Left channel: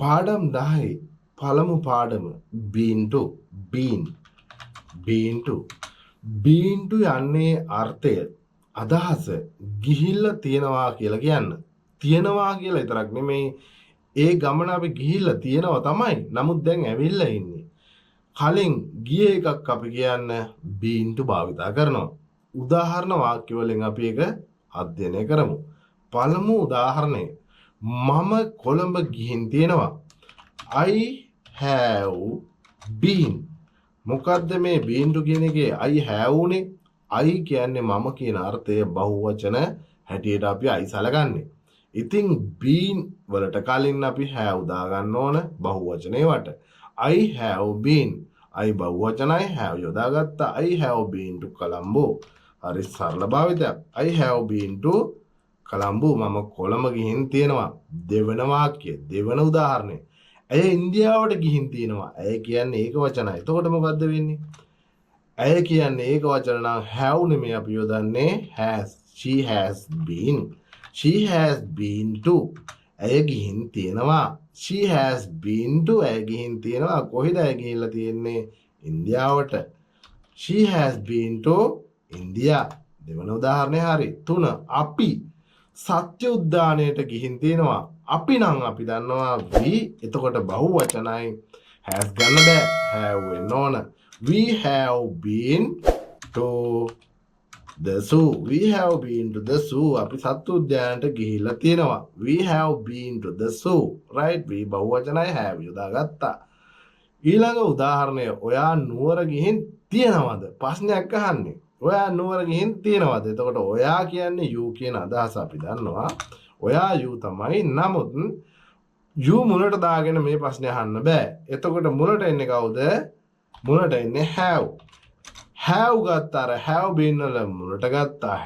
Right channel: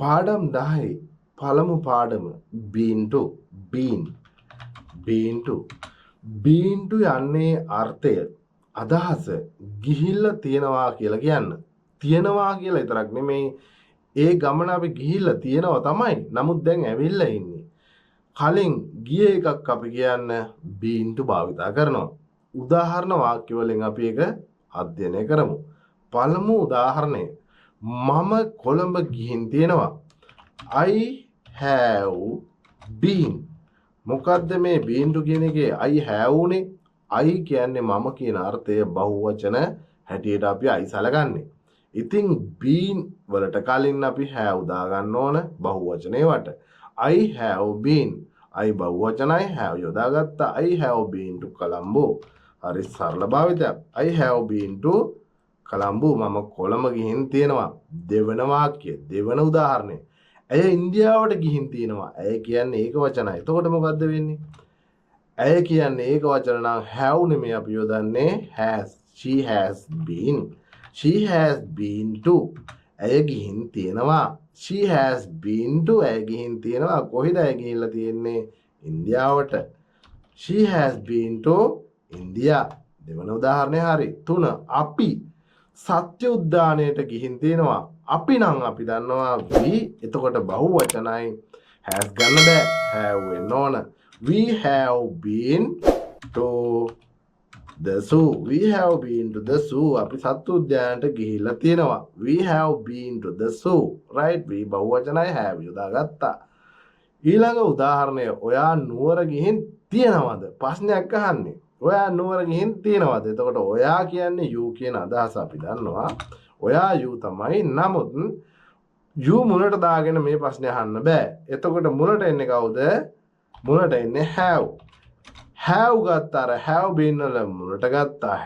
පාඩම් 10 පළමු පාඩම been to been to යන්නේ අර්ථය අදහස ගිහිල්ලා තියනවා කියලා කියන්න. තියනවා කියලා විතරක් නෙමෙයි ඒ ගමන අපි ගිහිල්ලා තියනවා තමයි. නමුත් දැන් ඇවිල්ලා ඉන්නේ. කලින් ගිය එකක් අපි කියන්න been to භාවිතා කරනවා. උදාහරණ වාක්‍ය වලින් අපි ඒක අධ්‍යයනය කරමු. පළමු උදාහරණය මම කොළඹ ගිහින් තියෙනවා. I have been. මොකද්ද මේ been to කියන එකේ I have උනේ? I කියන්නේ මම කියන අර්ථය බහුවචන හැටියට අපි I සලකන්නේ. ඉතින් been වලට කලින් අපි have දාගන්න ඕන බහුවචනේ වට. I have been. I බහුවචනයි have යොදාගත්තා. I have been to Colombo. හරි සරල භාවිතයක්. I have been to Colombo. මම කොළඹ ගිහින් තියෙනවා. දෙවන වාක්‍ය, දෙවන උදාහරණය. ඇය ඉන්දියාවට ගිහින් තියෙනවා. ඇය කියන්නේ ඒක වචනයි. එතකොට මොකද්ද වෙන්නේ? ඇය කියන්නේ ඒක වචන නම් have නෙමෙයි අපි යොදන්නේ has. She has been. She has been to. ඇය ගිහින් තියෙනවා. She has been to. ඇය ගිහින් තියෙනවා. කොහෙද ඇය ගිහිල්ලා තියෙන්නේ? ඉන්දියාවට. She has been to India. දෙවන උදාහරණය හරි. 3 අපි සත්‍ය උද්‍යානයට ගිහින් තියෙනවා. අපි නම් අපි දන්නවා we. එතකොට බහුවචනයි has ගන්න බෑ. have වෙන්න ඕන. We have been to the zoo. We have been to the zoo. අපි සත්තු උද්‍යානයට ගිහිල්ලා තියෙනවා. We have been to the zoo. Right? we බහුවචනයි have යොදාගත්තා. ඊළඟ උදාහරණය ඔයා නුවර ගිහින් තියෙනවද? ප්‍රශ්නයක් අහන්නේ. ඔයා නුවර ගිහින් තියෙනවද? එතකොට ඔයා කියන්නේ you කියන අදහස අපි දන්නවා. ඔයා you තමයි. නමුත් you මුලට දාගෙන මේ ප්‍රශ්නේ අහන්න බෑ. එතකොට මුලට එන්නේ කවුද? මුලට එන්නේ have. have ගත්තාර have been වල මුලට ගත්තා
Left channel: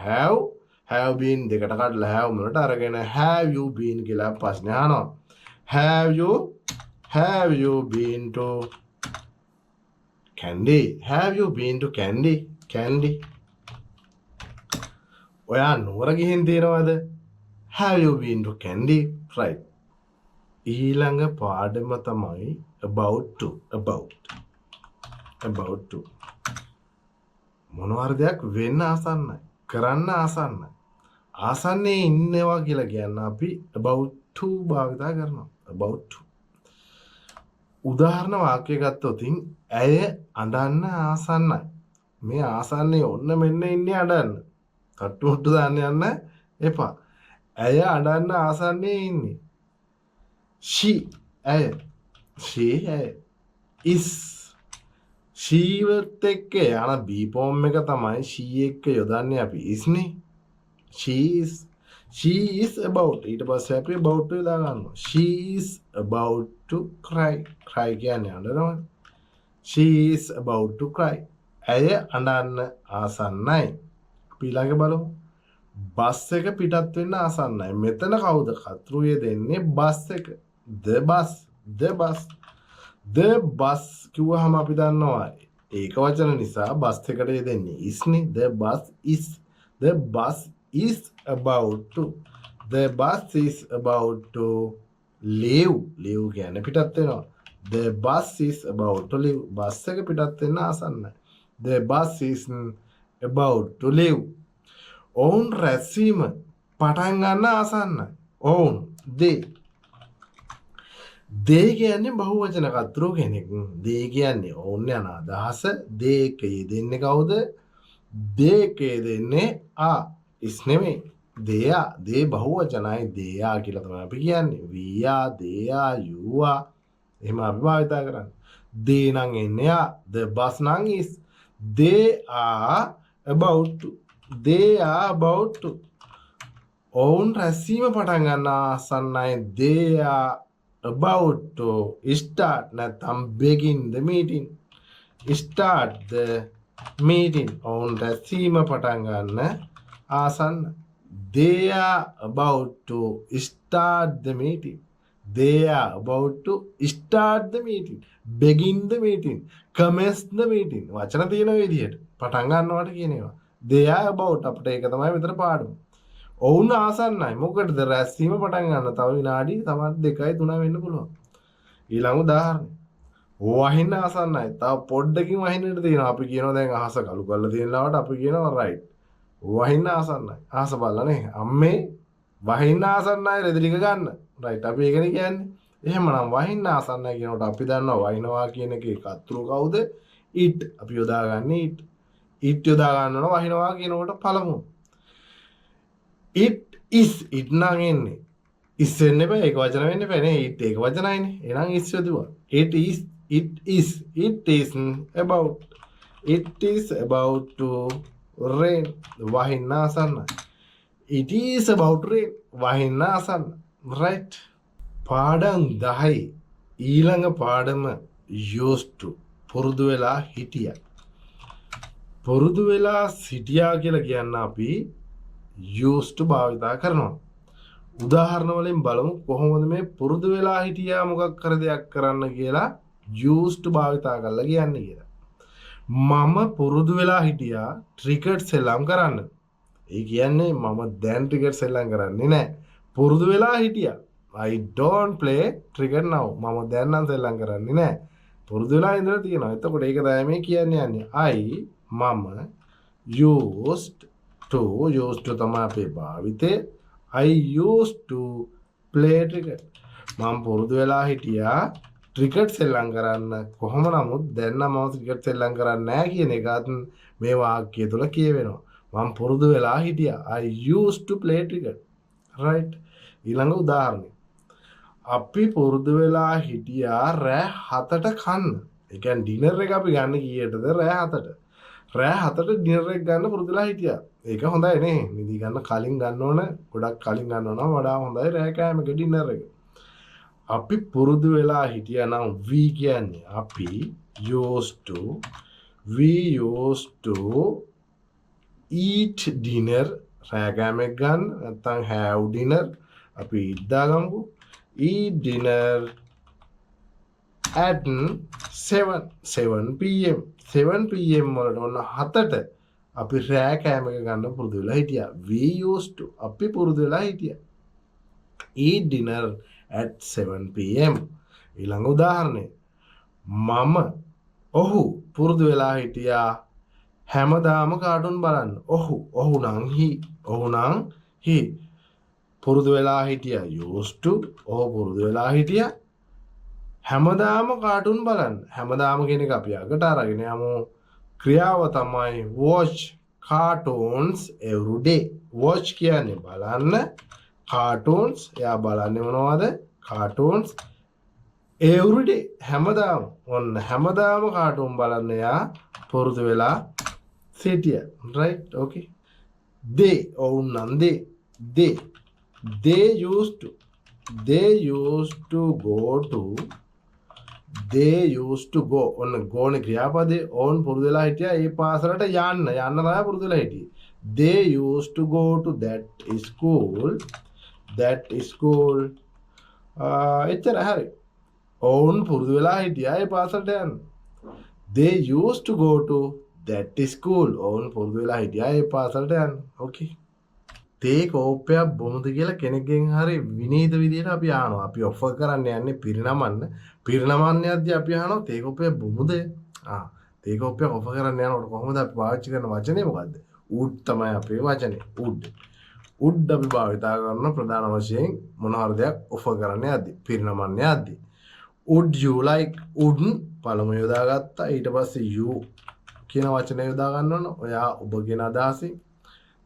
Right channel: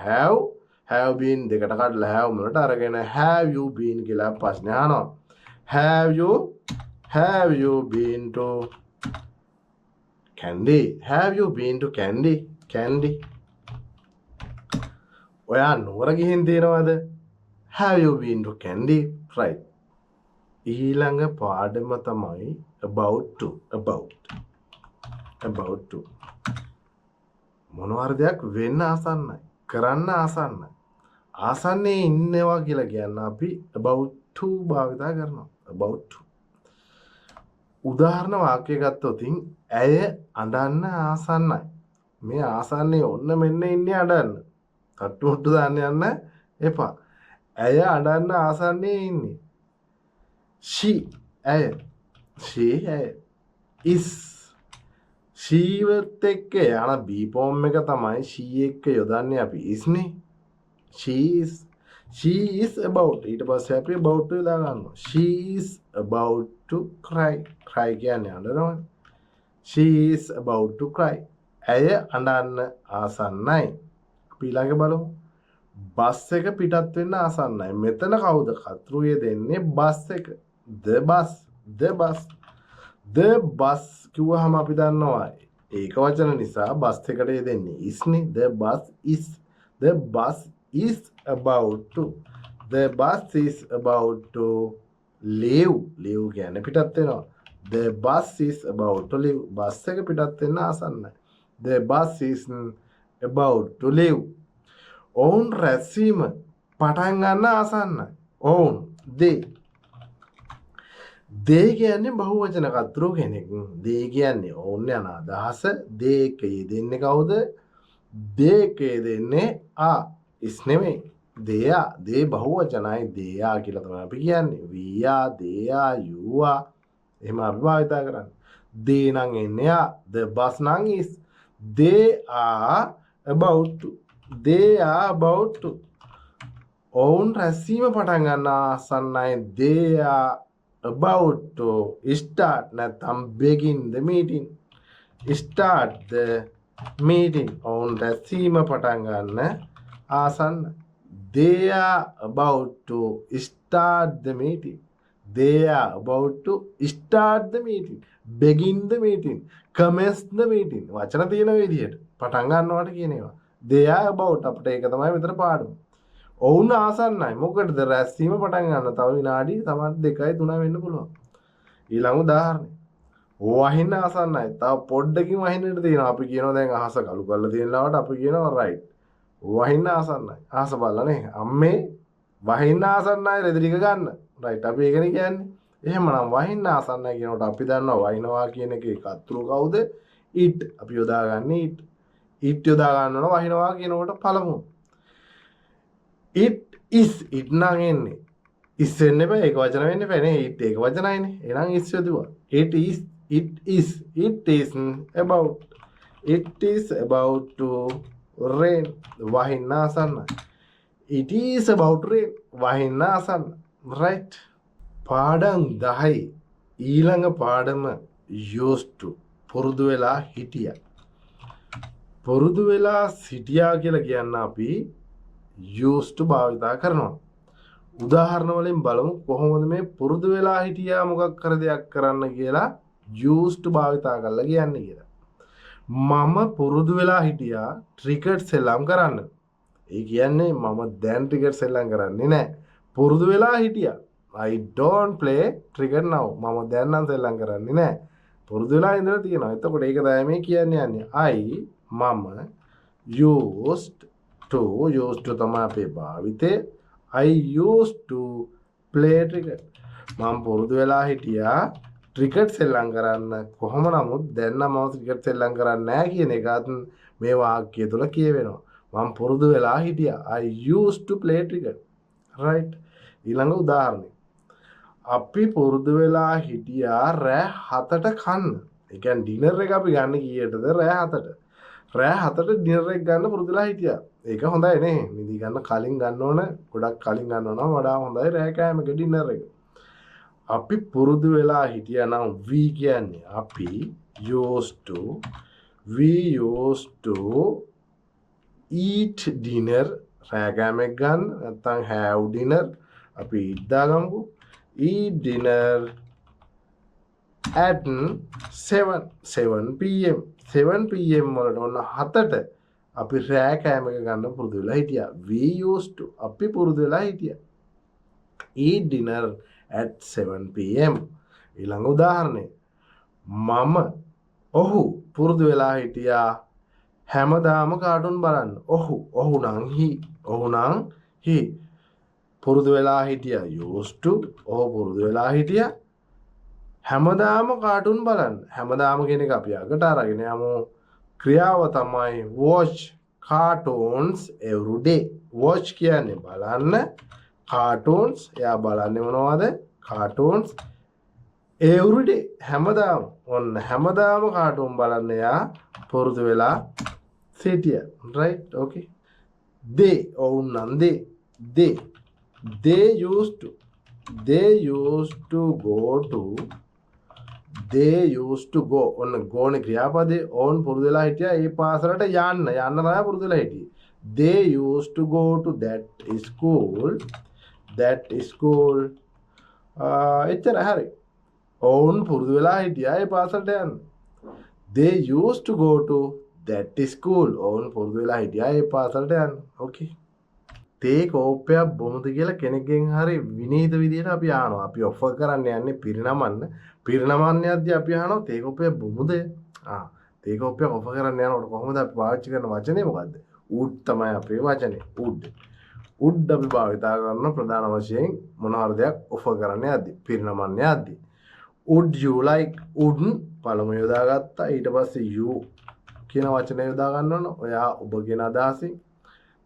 have been දෙකට කඩලා have මුලට අරගෙන have you been කියලා ප්‍රශ්නේ අහනවා. have you been to Candy? Have you been to Candy? ඔයා නුවර ගිහින් තියෙනවද? Have you been to Candy? Right. ඊළඟ පාඩම තමයි about to. මොනවාර දෙයක් වෙන්න ආසන්නයි. කරන්න ආසන්නයි. ආසන්නේ ඉන්නවා කියලා කියන්න අපි about to භාවිතා කරනවා. about to. උදාහරණ වාක්‍ය ගත්තොත් ඇය අඬන්න ආසන්නයි. මේ ආසන්නේ ඔන්න මෙන්න ඉන්නේ අඬන්න. කට්ටුට්ටු දාන්න යන්න එපා. ඇය අඬන්න ආසන්නේ ඉන්නේ. ඇය is. she වත් එක්ක යන be form එක තමයි she එක්ක යොදන්නේ අපි is නේ. she is about. ඊට පස්සේ අපි about to යොදා ගන්නවා. she is about to cry කියන්නේ අඬනවා. she is about to cry. ඇය අඬන්න ආසන්නයි. අපි ඊළඟ බලමු. බස් එක පිටත් වෙන්න ආසන්නයි. මෙතන කවුද කතෘයේ දෙන්නේ? බස් එක. the bus කිව්වහම අපි දන්නවා ඒක වචන නිසා බස් එකට දෙන්නේ is නේ. the bus is about to. the bus is about to leave කියන්නේ පිටත් වෙනවා. the bus is about to leave. Bus එක පිටත් වෙන්න ආසන්නයි. the bus is about to leave. ඔවුන් රැස්වීම පටන් ගන්න ආසන්නයි. ඔවුන් they කියන්නේ බහුවචන කතෘ කෙනෙක්. they කියන්නේ ඔවුන් යන අදහස. they එකේ දෙන්නේ කවුද? they එකේ දෙන්නේ is නෙමෙයි. they බහුවචනයි. they කියලා තමයි අපි කියන්නේ. we are, they are, you are. එහෙම අපි භාවිතා කරන්නේ. they නම් එන්නේ the bus නම් is. they are about to. ඔවුන් රැස්වීම පටන් ගන්න ආසන්නයි. they are about to start නැත්නම් begin the meeting. start the meeting. ඔවුන් රැස්වීම පටන් ගන්න ආසන්න. they are about to start the meeting. they are about to start the meeting. begin the meeting. commence the meeting. වචන තියෙන විදිහට පටන් ගන්නවට කියන ඒවා. they are about අපිට ඒක තමයි විතර පාඩම. ඔවුන් ආසන්නයි. මොකටද? රැස්වීම පටන් ගන්න. තව විනාඩි සමහර 2යි 3යි වෙන්න පුළුවන්. ඊළඟ උදාහරණය. වහින්න ආසන්නයි. තව පොඩ්ඩකින් වහින්නට තියෙනවා. අපි කියනවා දැන් අහස කළු කරලා තියෙන ලාවට අපි කියනවා රයිට්. වහින්න ආසන්නයි. අහස බලන්නේ. අම්මේ වහින්න ආසන්නයි රෙදි ටික ගන්න. රයිට්. අපි ඒකනේ කියන්නේ. එහෙමනම් වහින්න ආසන්නයි කියනකොට අපි දන්නවා වහිනවා කියන එකේ කර්තෘ කවුද? it. අපි යොදාගන්නේ it. it යොදා ගන්න ඕන වහිනවා කියනකොට පළමු. it is it නම් එන්නේ. is වෙන්න බෑ. ඒක වචන වෙන්න බෑ නේ. it ඒක වචනයිනේ. එහෙනම් is යොදුවා. it is about to rain. වහින්න ආසන්නයි. it is about rain. වහින්න ආසන්න. right. පාඩම් 10 ඊළඟ පාඩම used to පුරුදු වෙලා හිටියා. පුරුදු වෙලා සිටියා කියලා කියන්න අපි used to භාවිතා කරනවා. උදාහරණ වලින් බලමු කොහොමද මේ පුරුදු වෙලා හිටියා මොකක් කර දෙයක් කරන්න කියලා used to භාවිතා කරලා කියන්නේ කියලා. මම පුරුදු වෙලා හිටියා ක්‍රිකට් සෙල්ලම් කරන්න. ඒ කියන්නේ මම දැන් ක්‍රිකට් සෙල්ලම් කරන්නේ නැහැ. පුරුදු වෙලා හිටියා. I don't play cricket now. මම දැන් නම් සෙල්ලම් කරන්නේ නැහැ. පුරුදු වෙලා ඉඳලා තියෙනවා. එතකොට ඒක තමයි මේ කියන්නේ යන්නේ. මම used to තමයි අපේ භාවිතේ. I used to play cricket. මම පුරුදු වෙලා හිටියා ක්‍රිකට් සෙල්ලම් කරන්න. කොහොම නමුත් දැන් නම් මම ක්‍රිකට් සෙල්ලම් කරන්නේ නැහැ කියන එකත් මේ වාක්‍යය තුල කියවෙනවා. මම පුරුදු වෙලා හිටියා. I used to play cricket. right. ඊළඟ උදාහරණය. අපි පුරුදු වෙලා හිටියා රෑ 7ට කන්න. ඒ කියන්නේ ඩිනර් එක අපි ගන්න කීයටද? රෑ 7ට. රෑ 7ට ඩිනර් එක ගන්න පුරුදු වෙලා හිටියා. ඒක හොඳයි නේ. නිදි ගන්න කලින් ගන්න ඕන. ගොඩක් කලින් ගන්න ඕන වඩා හොඳයි රෑ කෑමක ඩිනර් එක. අපි පුරුදු වෙලා හිටියා නම් we කියන්නේ අපි we used to eat dinner රෑ කෑමක් ගන්න නැත්නම් have dinner අපි ඉද්දාගමු. eat dinner at 7 pm 7 pm වලට ඔන්න 7ට අපි රෑ කෑම එක ගන්න පුරුදු වෙලා හිටියා. we used to අපි පුරුදු වෙලා හිටියා. eat dinner at 7 pm. ඊළඟ උදාහරණය. ඔහු පුරුදු වෙලා හිටියා හැමදාම කාටුන් බලන්න. ඔහු නම් he පුරුදු වෙලා හිටියා used to. ඔහු පුරුදු වෙලා හිටියා හැමදාම කාටුන් බලන්න. හැමදාම කියන එක අපි අගට අරගෙන යමු. ක්‍රියාව තමයි watch cartoons every day. watch කියන්නේ බලන්න. cartoons එයා බලන්නේ මොනවද? cartoons every day හැමදාම. ඔන්න හැමදාම කාටුන් බලන්න එයා පුරුදු වෙලා සිටියා. right. okay. ඔවුන් නම් they used to go ඔන්න go නේ ක්‍රියාපදේ. ඔවුන් පුරුදු වෙලා හිටියා ඒ පාසලට යන්න තමයි පුරුදු වෙලා හිටියේ. they used to go to that school එච්චර හරි. ඔවුන් පුරුදු වෙලා හිටියා ඒ පාසලට යන්න. they used to go to that school. ඔවුන් පුරුදු වෙලා හිටියා ඒ පාසලට යන්න. okay. තේ කෝප්පයක් බොමුද කියලා කෙනෙක්ගෙන් හරි විනීත විදියට අපි අහනවා. අපි ඔෆර් කරන්න යන්නේ පිරිනමන්න. පිරිනමන්න යද්දී අපි අහනවා තේ කෝප්පයක් බොමුද? තේ කෝප්පයක් ඔෆර් කරන්න යනකොට කොහොමද අපි පාවිච්චි කරන වචනේ මොකද්ද? would තමයි අපේ වචනේ. would අපි භාවිතා කරන ප්‍රධාන වශයෙන් මොන හරි දෙයක් ඔෆර් කරන්න යද්දී පිරිනමන්න යද්දී. would you like would පළමු යොදාගත්තා. ඊට පස්සේ you කියන වචනේ යොදා ගන්න ඕන. ඔයා ඔබ කියන අදහසින්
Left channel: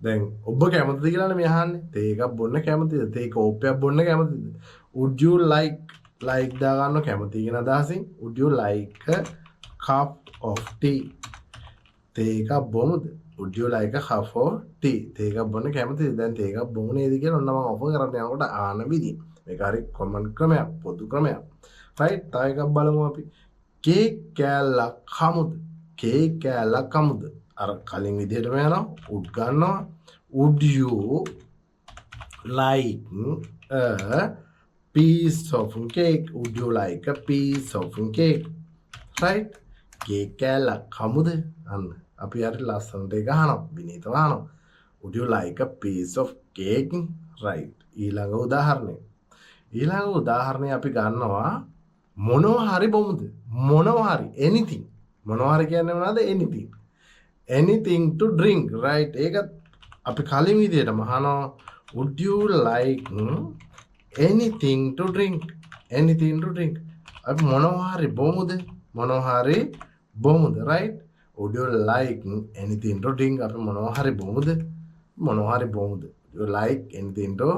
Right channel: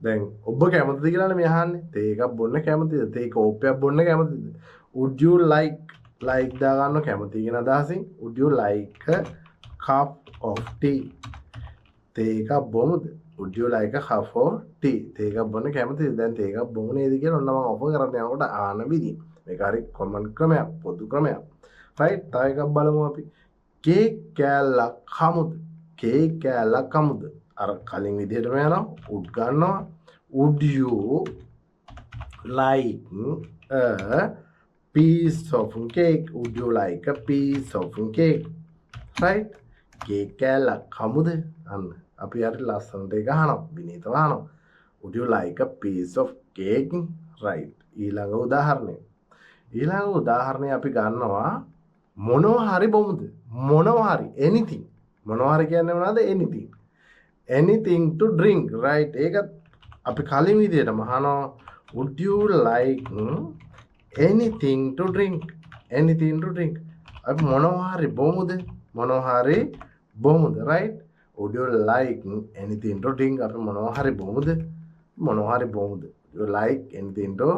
දැන් ඔබ කැමතිද කියලානේ මේ අහන්නේ. තේ එකක් බොන්න කැමතිද? තේ කෝප්පයක් බොන්න කැමතිද? would you like දා ගන්න කැමති කියන අදහසින් would you like a cup of tea? තේ එකක් බොමුද? would you like a cup of tea? තේ එකක් බොන්න කැමතිද? දැන් තේ එකක් බොමු නේද කියලා ඔන්න මම ඔෆර් කරන්න යනකොට ආන විදිහ. මේක හරි කොමන් ක්‍රමයක්, පොදු ක්‍රමයක්. right. තව එකක් බලමු අපි. කේක් කෑල්ලක් කමුද? කේක් කෑල්ලක් කමුද? අර කලින් විදිහටම යනවා. would ගන්නවා. would you like a piece of cake? would you like a piece of cake? right. Cake කෑල්ලක් කමුද? අන්න අපි හරි ලස්සනට ඒක අහනවා. විනීතව අහනවා. would you like a piece of cake? right. ඊළඟ උදාහරණය අපි ගන්නවා මොනවා හරි බොමුද? මොනවා හරි anything. මොනවා හරි කියන්නේ මොනවද? anything. anything to drink, right? ඒක අපි කලින් විදිහටම අහනවා would you like anything to drink? anything to drink. අපි මොනවා හරි බොමුද? මොනවා හරි බොමුද, right? would you like anything to drink? අපි මොනවා හරි බොමුද? මොනවා හරි බොමුද? you like anything to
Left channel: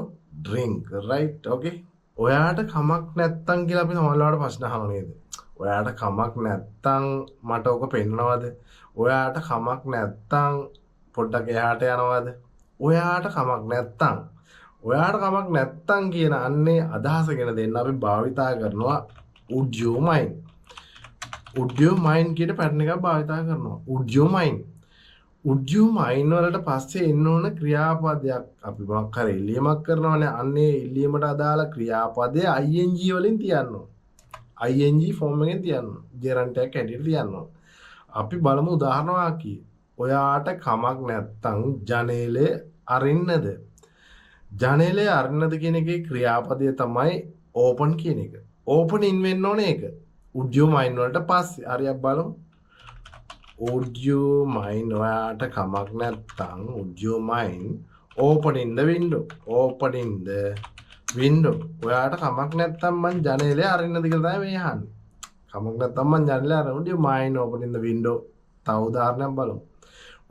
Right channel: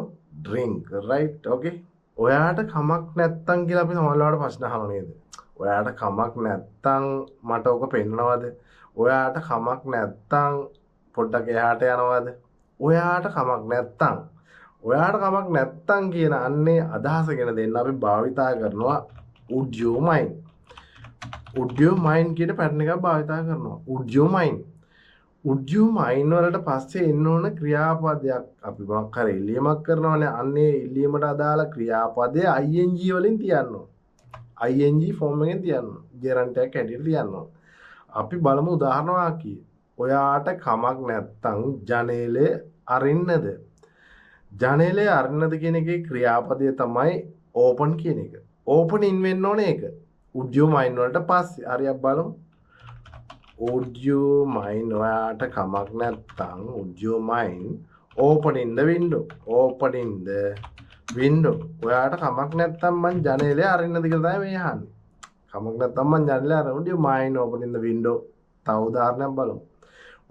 drink, right? okay. ඔයාට කමක් නැත්තම් කියලා අපි සමහරවිට ප්‍රශ්න අහනවා නේද? ඔයාට කමක් නැත්තම් මට ඔක පෙන්නනවද? ඔයාට කමක් නැත්තම් පොඩ්ඩක් එහාට යනවද? ඔයාට කමක් නැත්තම් කියන අන්නේ අදහස ගැන දෙන්න අපි භාවිතා කරනවා would you mind. would you mind කියන පැටර්න් එකක් භාවිතා කරනවා. would you mind. would you mind වලට පස්සේ එන්න ඕන ක්‍රියාපදයක්. අපි මොකක් හරි ඉල්ලීමක් කරනවානේ. අන්නේ ඉල්ලීමට අදාළ ක්‍රියාපදය ing වලින් තියන්න ඕන. ing ෆෝම් එකෙන් තියන්න ඕන. gerund එකක් හැටියට තියන්න ඕන. අපි බලමු උදාහරණ වාක්‍යය. ඔයාට කමක් නැත්තම් ජනේලේ අරින්නද? ජනේලේ අරින්නද කියන එකේ ක්‍රියාපදය තමයි open කියන එක. open in වෙන්න ඕනේ ඒක. would you mind වලට පස්සේ හරියක් බලමු. would you mind ඔයාට කමක් නැත්තම් would you mind opening the window. opening the window. ඔයාට කමක් නැත්තම් මං ජනේලේ අරින්නද කියලා තමයි මේ අහන්නේ. කමක් නැත්තම් මං ජනේලේ අරින්න. would you mind opening the window? තව උදාහරණයක් බලමු.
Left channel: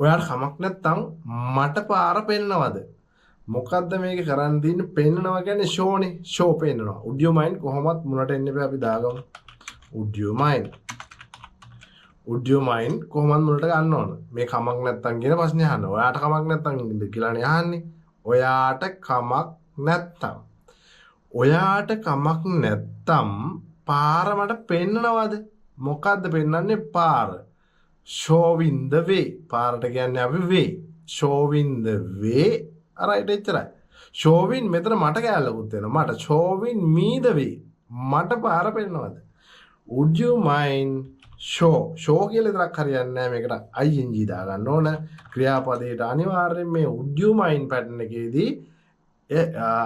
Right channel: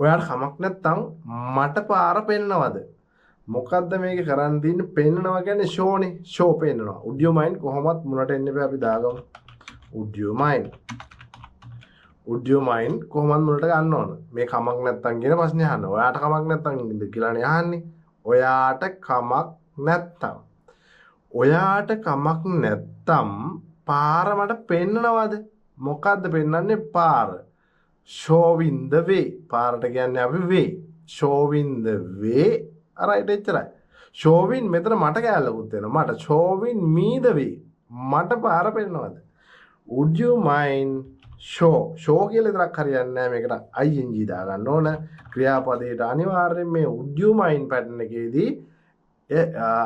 ඔයාට කමක් නැත්තම් මට පාර පෙන්නවද? මොකද්ද මේක කරන් දින්නේ? පෙන්නනවා කියන්නේ ෂෝනේ. ෂෝ පෙන්නනවා. would you mind කොහොමත් මුණට එන්න එපා අපි දාගමු. would you mind. would you mind කොහොමද මුණට ගන්න ඕන? මේ කමක් නැත්තම් කියන ප්‍රශ්නේ අහන්න. ඔයාට කමක් නැත්තම් කියලානේ අහන්නේ. ඔයාට කමක් නැත්තම්. ඔයාට කමක් නැත්තම් පාර මට පෙන්නනවද? මොකද්ද පෙන්නන්නේ? පාර. showing the way. පාරට කියන්නේ අපි way. showing the way. right එච්චරයි. showing මෙතන මට කැලලකුත් වෙනවා. මට showing me the way. මට පාර පෙන්නනවද? would you mind show. show කියලා විතරක් හරියන්නේ නැහැ. මේකට ing දාගන්න ඕන. ක්‍රියාපදයට අනිවාර්යෙන් මේ would you mind pattern එකේදී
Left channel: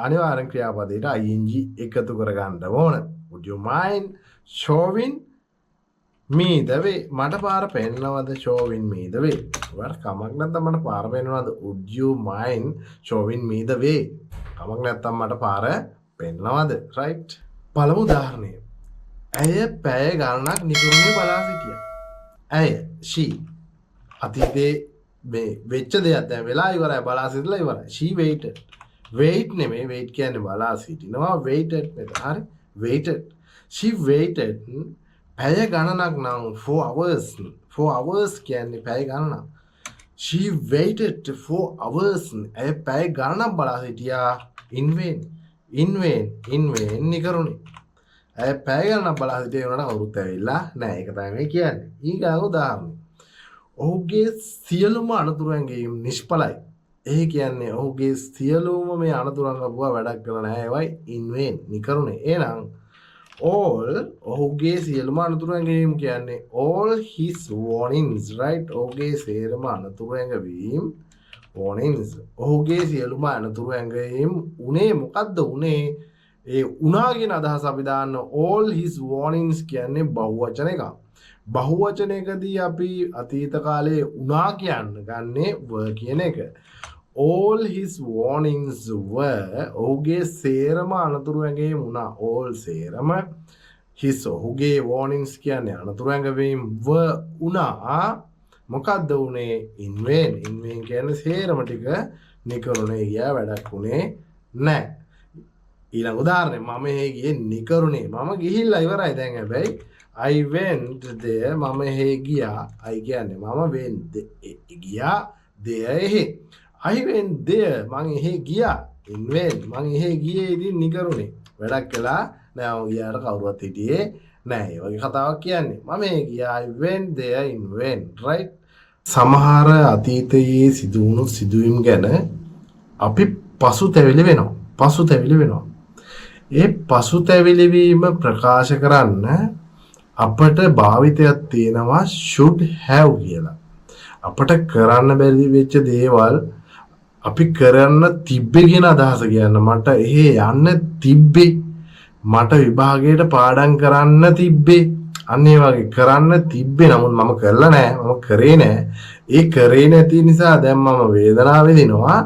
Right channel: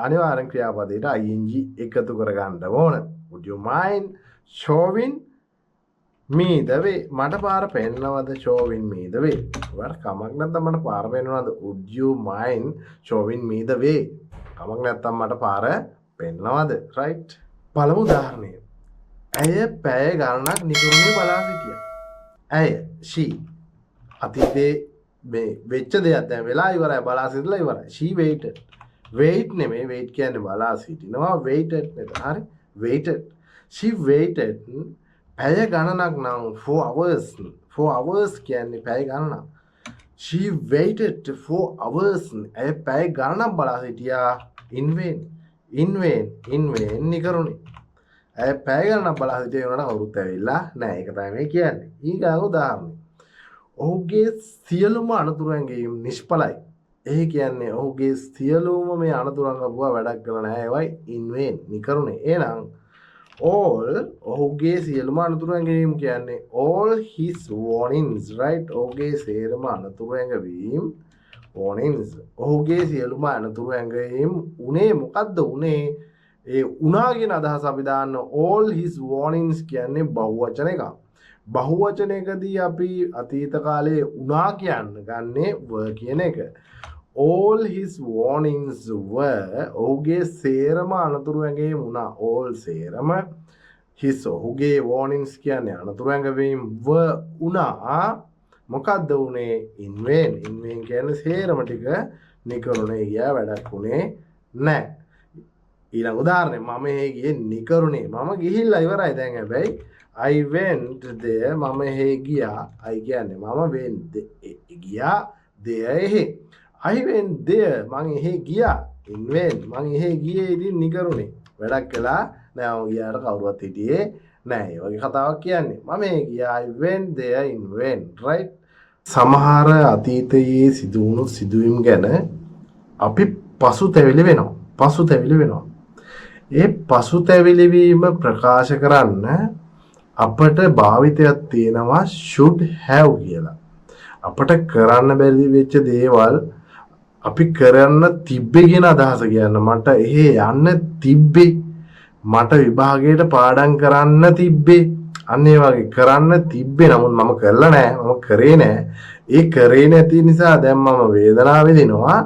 අනිවාර්යෙන් ක්‍රියාපදයට ing එකතු කරගන්න ඕන. would you mind showing me the way. මට පාර පෙන්නනවද? showing me the way. ඔයාට කමක් නැත්නම් මට පාර පෙන්නනවද? would you mind showing me the way. කමක් නැත්නම් මට පාර පෙන්නනවද? right. පළමු උදාහරණය. ඇය පැය ගණනක් නිකරුණේ බලා සිටියා. ඇය she අතීතේ මේ වෙච්ච දෙයක් දැන් වෙලා ඉවරයි. බලා සිටලා ඉවරයි. she waited. wait නෙමෙයි wait කියන්නේ බලා සිටිනවා. waited මෙතන හරි. waited. she waited පැය ගණනක් නම් 4 hours. 4 hours කියන්නේ පැය ගණනක්. she waited for hours. ඇය පැය ගණනක් බලා සිටියා. in vain. in vain නිකරුණේ. ඇය පැය ගණනක් බලා සිටියේ උනට කවුරුත් ඇවිල්ලා නැහැ. ඒක තමයි මේ කියන්නේ. ඊගා උදාහරණය. ඔහුගේ සියලුම අනතුරු ඇඟීම් නිෂ්ඵලයි. ඒ කියන්නේ ඔහුගේ සියලුම මේ අනතුරන් අපුවා වැඩක් කරලා නැහැ. ඒවයි in vain නිකරුණේ. එහෙනම් all ඔහුගේ සියලුම අනතුරු ඇඟවීම් කියන්නේ all his warnings, right? ඔහුගේ සියලුම අනතුරු ඇඟවීම් warnings. ඔහුගේ සියලුම අනතුරු ඇඟවීම් උනේ මොකද්ද උනේ? ඒ උනා කියන අදහස අපි දාන්න all his warnings කියන්නේ බහුවචන එකක්. බහුවචනයකදී අපි අතීත කාලේ උනා කියන්න ගන්නේ were කියන එක. all his warnings were ඔහුගේ සේරම අනතුරු ඇඟවීම් උනා. all සේරම his ඔහුගේ warnings කියන්නේ අනතුරු ඇඟවීම් were උනා. මොකද්ද උනේ? in vain. in vain කියන්නේ සේරම ටික නිකරුණේ ගියා. වැඩක් උනේ නැහැ. ඊළඟ උදාහරණය. මම එහෙ ගියේ නිකරුණේ. මම ගිහිල්ලා ඉවරයි දැන්. හැබැයි I went there. මම එහෙ ගියා. I කියන්නේ මම went ගියා. there එහෙ. I went there. මං එහෙ ගියා. in vain. මං එහෙ ගියේ ඉතින් නිකරුණේ. වැඩක් කළා නෑ. මම ගියාට කවුරුවත් හිටියේ නෑ. ඒ වගේ කතාවක් කියන්නේ. මම එහෙ ගියා. I went there in vain. right. සමහර අතීතයේ සිදු වුණු සිදුවීම් ගැන අපි පසුතැවිලි වෙනවා. ඒ පසුතැවිලි වීම ප්‍රකාශ කරන්න අපට භාවිතයක් තියෙනවා should have කියලා. අපට කරන්න බැරි වෙච්ච දේවල් අපි කරන්න තිබ්බේ කියන අදහස කියන්න. මට එහෙ යන්න තිබ්බේ. මට විභාගයට පාඩම් කරන්න තිබ්බේ. අන්න ඒ වගේ කරන්න තිබ්බේ. නමුත් මම කරලා නැහැ. මම කරේ නැහැ. ඒ කරේ නැති නිසා දැන් මම වේදනාව විඳිනවා.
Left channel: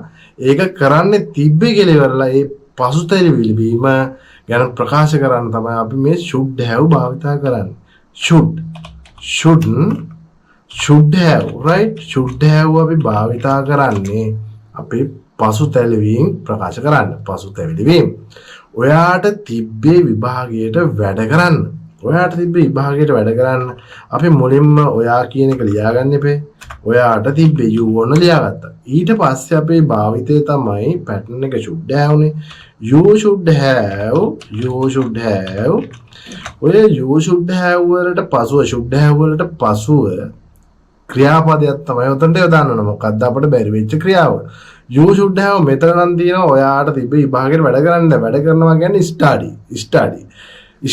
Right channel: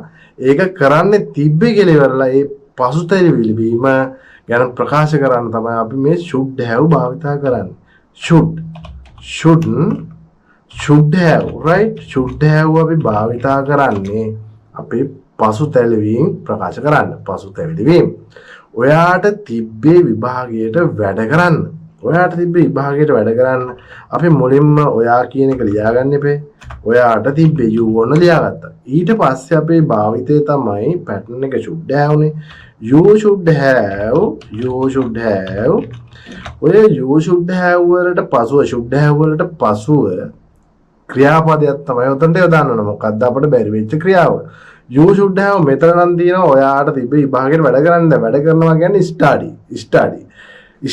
ඒක කරන්න තිබ්බේ කියලා ඉවරලා ඒ පසුතැවිලි වීම ගැන ප්‍රකාශ කරන්න තමයි අපි මේ should have භාවිතා කරන්නේ. should have right should have අපි භාවිතා කරන්නේ අපේ පසුතැවිලි ප්‍රකාශ කරන්න. පසුතැවිලි වීම. ඔයාට තිබ්බේ විභාගයට වැඩ කරන්න. ඔයාට තිබ්බේ විභාගයට වැඩ කරන්න. අපි මුලින්ම ඔයා කියන එක ලියාගන්න එපේ. ඔයාට තිබ්බේ you ඕන ලියාගත්තා. ඊට පස්සේ අපේ භාවිතය තමයි pattern එක should have නේ. you should have ඔය you should have වලට පසුව should have වලට පසුව ක්‍රියාපදයක් තමයි උතන්ට යොදන්න ඕන. මොකක්ද අපිට බැරි වෙච්ච ක්‍රියාව? you should have මෙතන නම් තියෙනවා ඔයාට තිබ්බ විභාගයට වැඩ කරන්න. වැඩ කරනවා කියන්නේ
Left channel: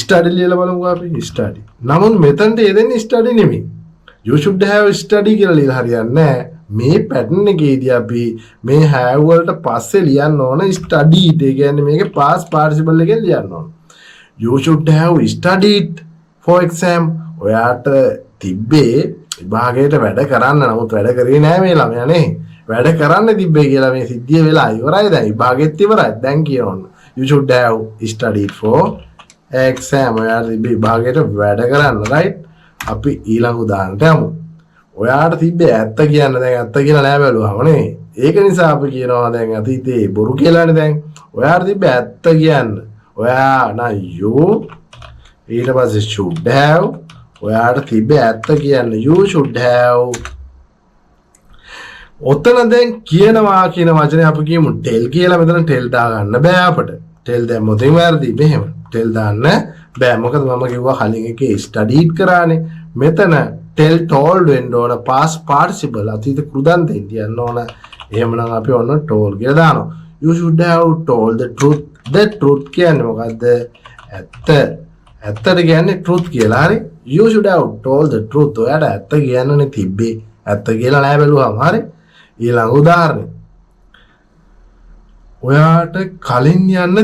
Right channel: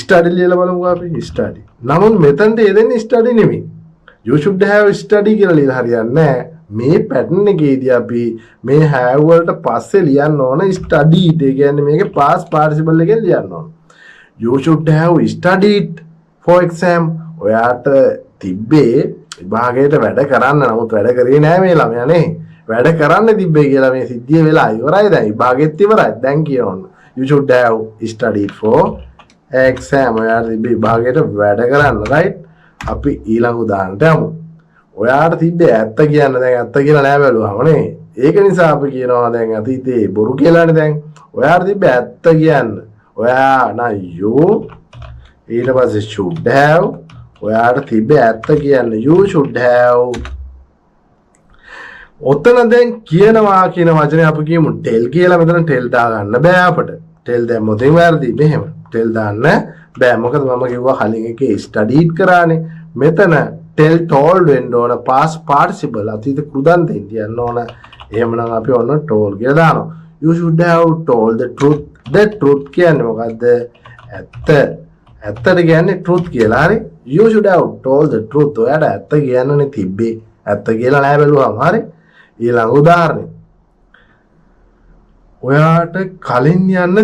study ලියලා බලමුකෝ අපි study. නමුත් මෙතනට යෙදෙන්නේ study නෙමෙයි. you should have study කියලා ලියලා හරියන්නේ නැහැ. මේ pattern එකේදී අපි මේ have වලට පස්සේ ලියන්න ඕන studied. ඒ කියන්නේ මේකේ past participle එකෙන් ලියන්න ඕන. you should have studied for exam. ඔයාට තිබ්බේ විභාගයට වැඩ කරන්න. නමුත් වැඩ කරේ නැහැ මේ ළමයා නේ. වැඩ කරන්න තිබ්බේ කියලා මේ සිද්ධිය වෙලා ඉවරයි. දැන් විභාගෙත් ඉවරයි. දැන් කියනවා you should have studied for exam. ඔයාට තිබ්බේ විභාගයට වැඩ කරන්න right. අපි ඊළඟ උදාහරණයට යමු. ඔයාට තිබ්බේ ඇත්ත කියන්න. දැන් ඇත්ත කියලා නෑ බැලුවාම නේ. ඒක නිසා අපි කියනවා දැන් අතීතේ බොරු කියලානේ දැන්. ඔයාට තිබ්බේ ඇත්ත කියන්න. ඔයා නා you ඊට පස්සේ should have ඔයාට තිබ්බේ ඇත්ත කියන්න. you should have ඔතන දැන් කියනවා කියන වචනේ අපි කියමු tell කියලා. මෙතන tell දාගන්න බෑ අපට. tell දැම්මොත් වැරදි. මෙහෙම tell දාන්න බෑ. මොකද මම කිව්වා කලින් එකේ studied කරානේ. මෙතන tell told වෙන්න ඕන past participle අතීත කෘදන්තෙන් තියන්න ඕන. එහෙමනම් අපි ඔන්න told කියලා දානවා. you should have told the truth. the truth කියන්නේ මොකද්ද? ඇත්ත. ඇත්තට කියන්නේ truth කියලා. හරි. you should have told the truth. ඔයාට ඇත්ත කියන්නනේ තිබ්බේ. ඇත්ත කියලා නෑ බැලුවාම. හරි. ඊළඟ උදාහරණය. ඔයාට කලින් යන්න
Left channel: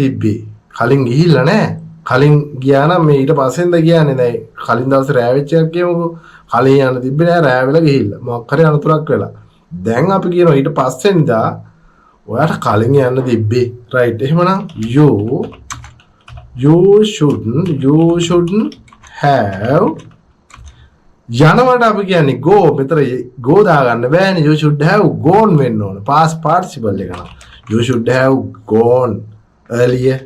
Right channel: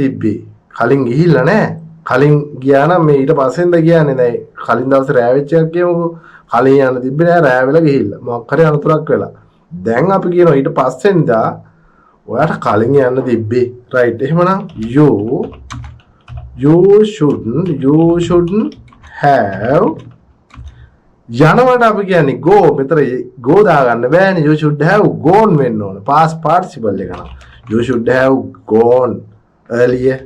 තිබ්බේ. කලින් ගිහිල්ලා නෑ. කලින් ගියා නම් මේ ඊට පස්සෙන්ද කියන්නේ. දැන් කලින් දවසේ රෑ වෙච්ච එකක් කියමුකෝ. කලින් යන්න තිබ්බේ නෑ. රෑ වෙලා ගිහිල්ලා. මොකක් හරි අනතුරක් වෙලා. දැන් අපි කියනවා ඊට පස්සෙන්දා ඔයාට කලින් යන්න තිබ්බේ. right. එහෙමනම් you shouldn't have යනවට අපි කියන්නේ go. මෙතන go දාගන්න බෑනේ. you should have gone වෙන්න ඕන. past participle එක නම් you should have gone earlier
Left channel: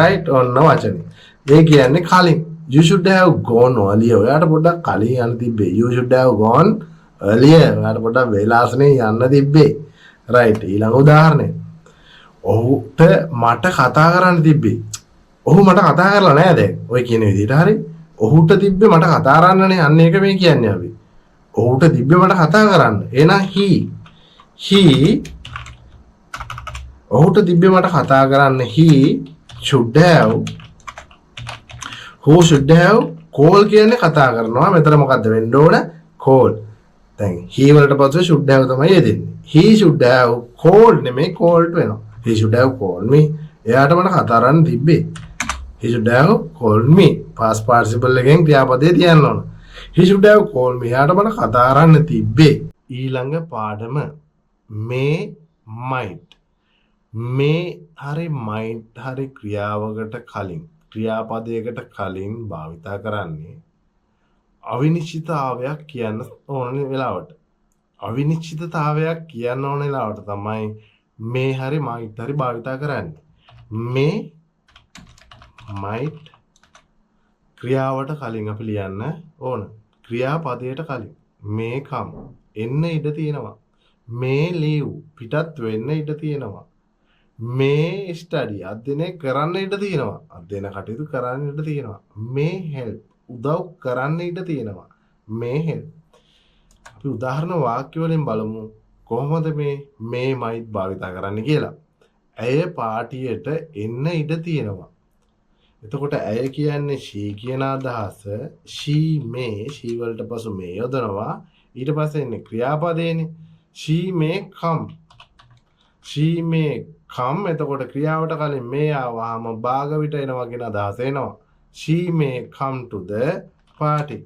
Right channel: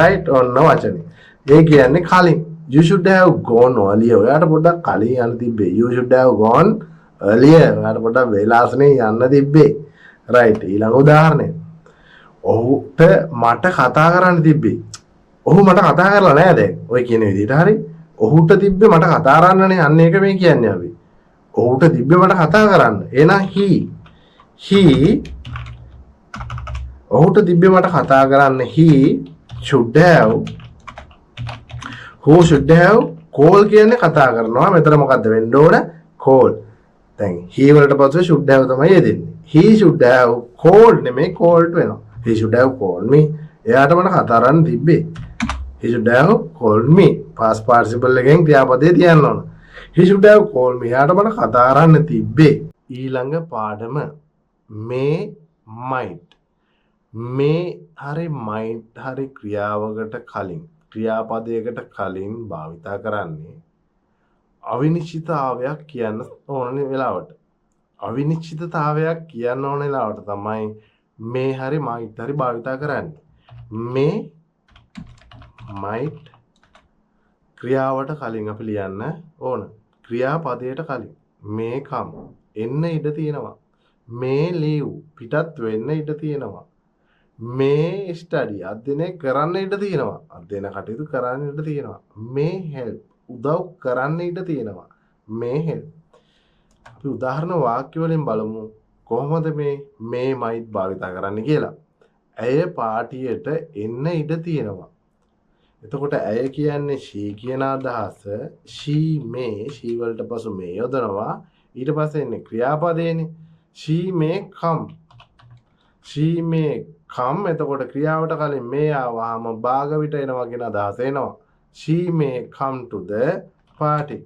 right. ඔන්න වචනේ. ඒ කියන්නේ කලින්. you should have gone earlier. ඔයාට පොඩ්ඩක් කලින් යන්න තිබ්බේ. you should have gone earlier. ඔයාට පොඩ්ඩක් වෙලාස්නේ යන්න තිබ්බේ. right. ඊළඟ උදාහරණය. ඔහුට මට කතා කරන්න තිබ්බේ. ඔහු මට කතා කරලා නෑ දැන්. ඔය කියන විදිහට හරි. ඔහුට තිබ්බේ මට කතා කරන්නනේ. අන්න ඒක මේ කියන්නේ අපි. ඔහුට තිබ්බේ මට කතා කරන්න. එහෙනම් ඔහුට තිබ්බේ මට කතා කරන්න. he should have call කියන්නේ කතා කරනවා. මෙතන මොකද්ද වෙන්න ඕන? call. දැන් he වලට පස්සේ should have තමයි යෙදෙන්නේ. he should have called නෙමෙයි called වෙනවා. he should have called me. එයාට මට කතා කරන්න තිබ්බේ. he should have called me. past participle එකෙන් ක්‍රියාපදේ තියන්න ඕන. he should have called me. එයාට මට කතා කරන්න තිබ්බේ. ඊළඟ පාඩම may might. මේ හරි might හරි ක්‍රියාවකට කලින් ක්‍රියාපදයකට කලින් භාවිතා කරන්නේ අවිනිශ්චිතතාවයක් කියන්න ඕන වෙලාවට. අවිනිශ්චිතතාවයක් කියන්න ඕන වෙලාවට තමයි මේ හරි might හරි භාවිතා කරන්නේ. මේ might ක්‍රියාවට කලින් අපි ලියන්න ඕන. ක්‍රියාපදයට කලින් මේ come එන්න ඉඩ තියෙනවා. මේ leave පිටත් වෙන්න ඉඩ තියෙනවා. මේ ස්ටඩි අධ්‍යයනය කරන්න ඉඩ තියෙනවා. අධ්‍යයන කටයුතු කරන්න ඉඩ තියෙනවා. මේ හෙල්ප් උදව් කරන්න ඉඩ තියෙනවා. මේ හෙල්ප් අපි උදාහරණ වාක්‍ය වලින් බලමු කොහොමද මේ might භාවිතා කරන්න කියලා. ඇය පාටියට එන්න ඉඩ තියෙනවා. එතකොට ඇය කියන්නේ she කියන අදහස she වලට පසු මේ යොදනවා. ඊට පස්සේ එන්නේ ක්‍රියාපදේනේ she may come එතකොට ක්‍රියාවට කලින් මේ ආවම භාගවිත එනවා කියන අදහස එනවා. She may come to the party.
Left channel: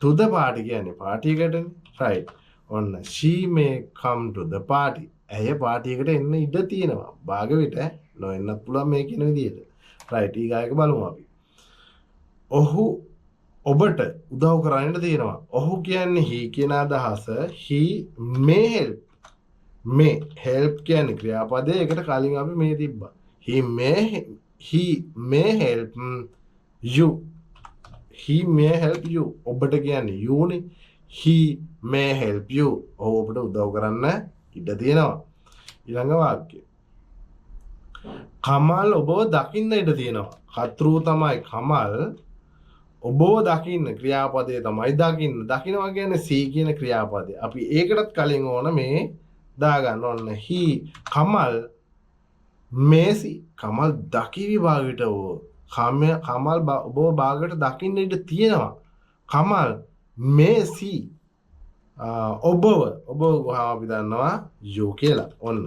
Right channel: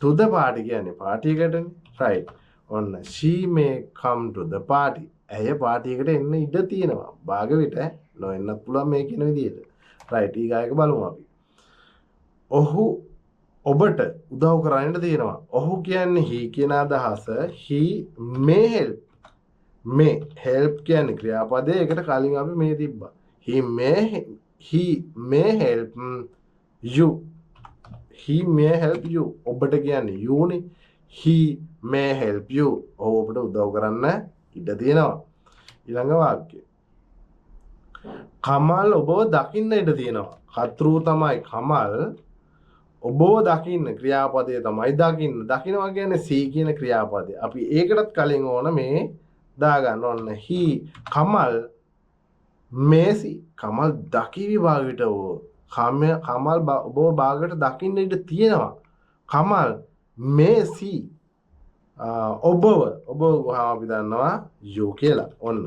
To the party කියන්නේ party එකටනේ. right. ඔන්න she may come to the party. ඇය party එකට එන්න ඉඩ තියෙනවා. භාගවිත නොඑන්නත් පුළුවන් මේ කියන විදිහට. right. ඊගායක බලමු අපි. ඔහු ඔබට උදව් කරන්නට තියෙනවා. ඔහු කියන්නේ he කියන අදහස he may help. may help කියන්නේ ක්‍රියාපදයේ එකට කලින් අපි මේ තිබ්බා. he may help you. he may help you. ඔබට කියන්නේ you නේ. he may help you. ඔහු ඔබට උදව් කරන්න ඉඩ තියෙනවා. ඊළඟ වාක්‍යය. කමල් ඔබව දකින්න ඉඩ තියෙනවා. කතෘ තමයි කමල්. ඔබව දකින්න ක්‍රියාපදය තමයි දකින්න. දකින්නවා කියන්නේ see කියන ක්‍රියාපදය. අපි ඒකටත් කලින් ඕන මේ දාගන්න ඕන. he කමල් මේසි කමල් දකිවි භාගයට ඕ. කමල් ඔබව භාගයට දකින්න ඉඩ තියෙනවා. කමල් මේසි ඔබව අපි දන්නවා you කියලා. ඔන්න.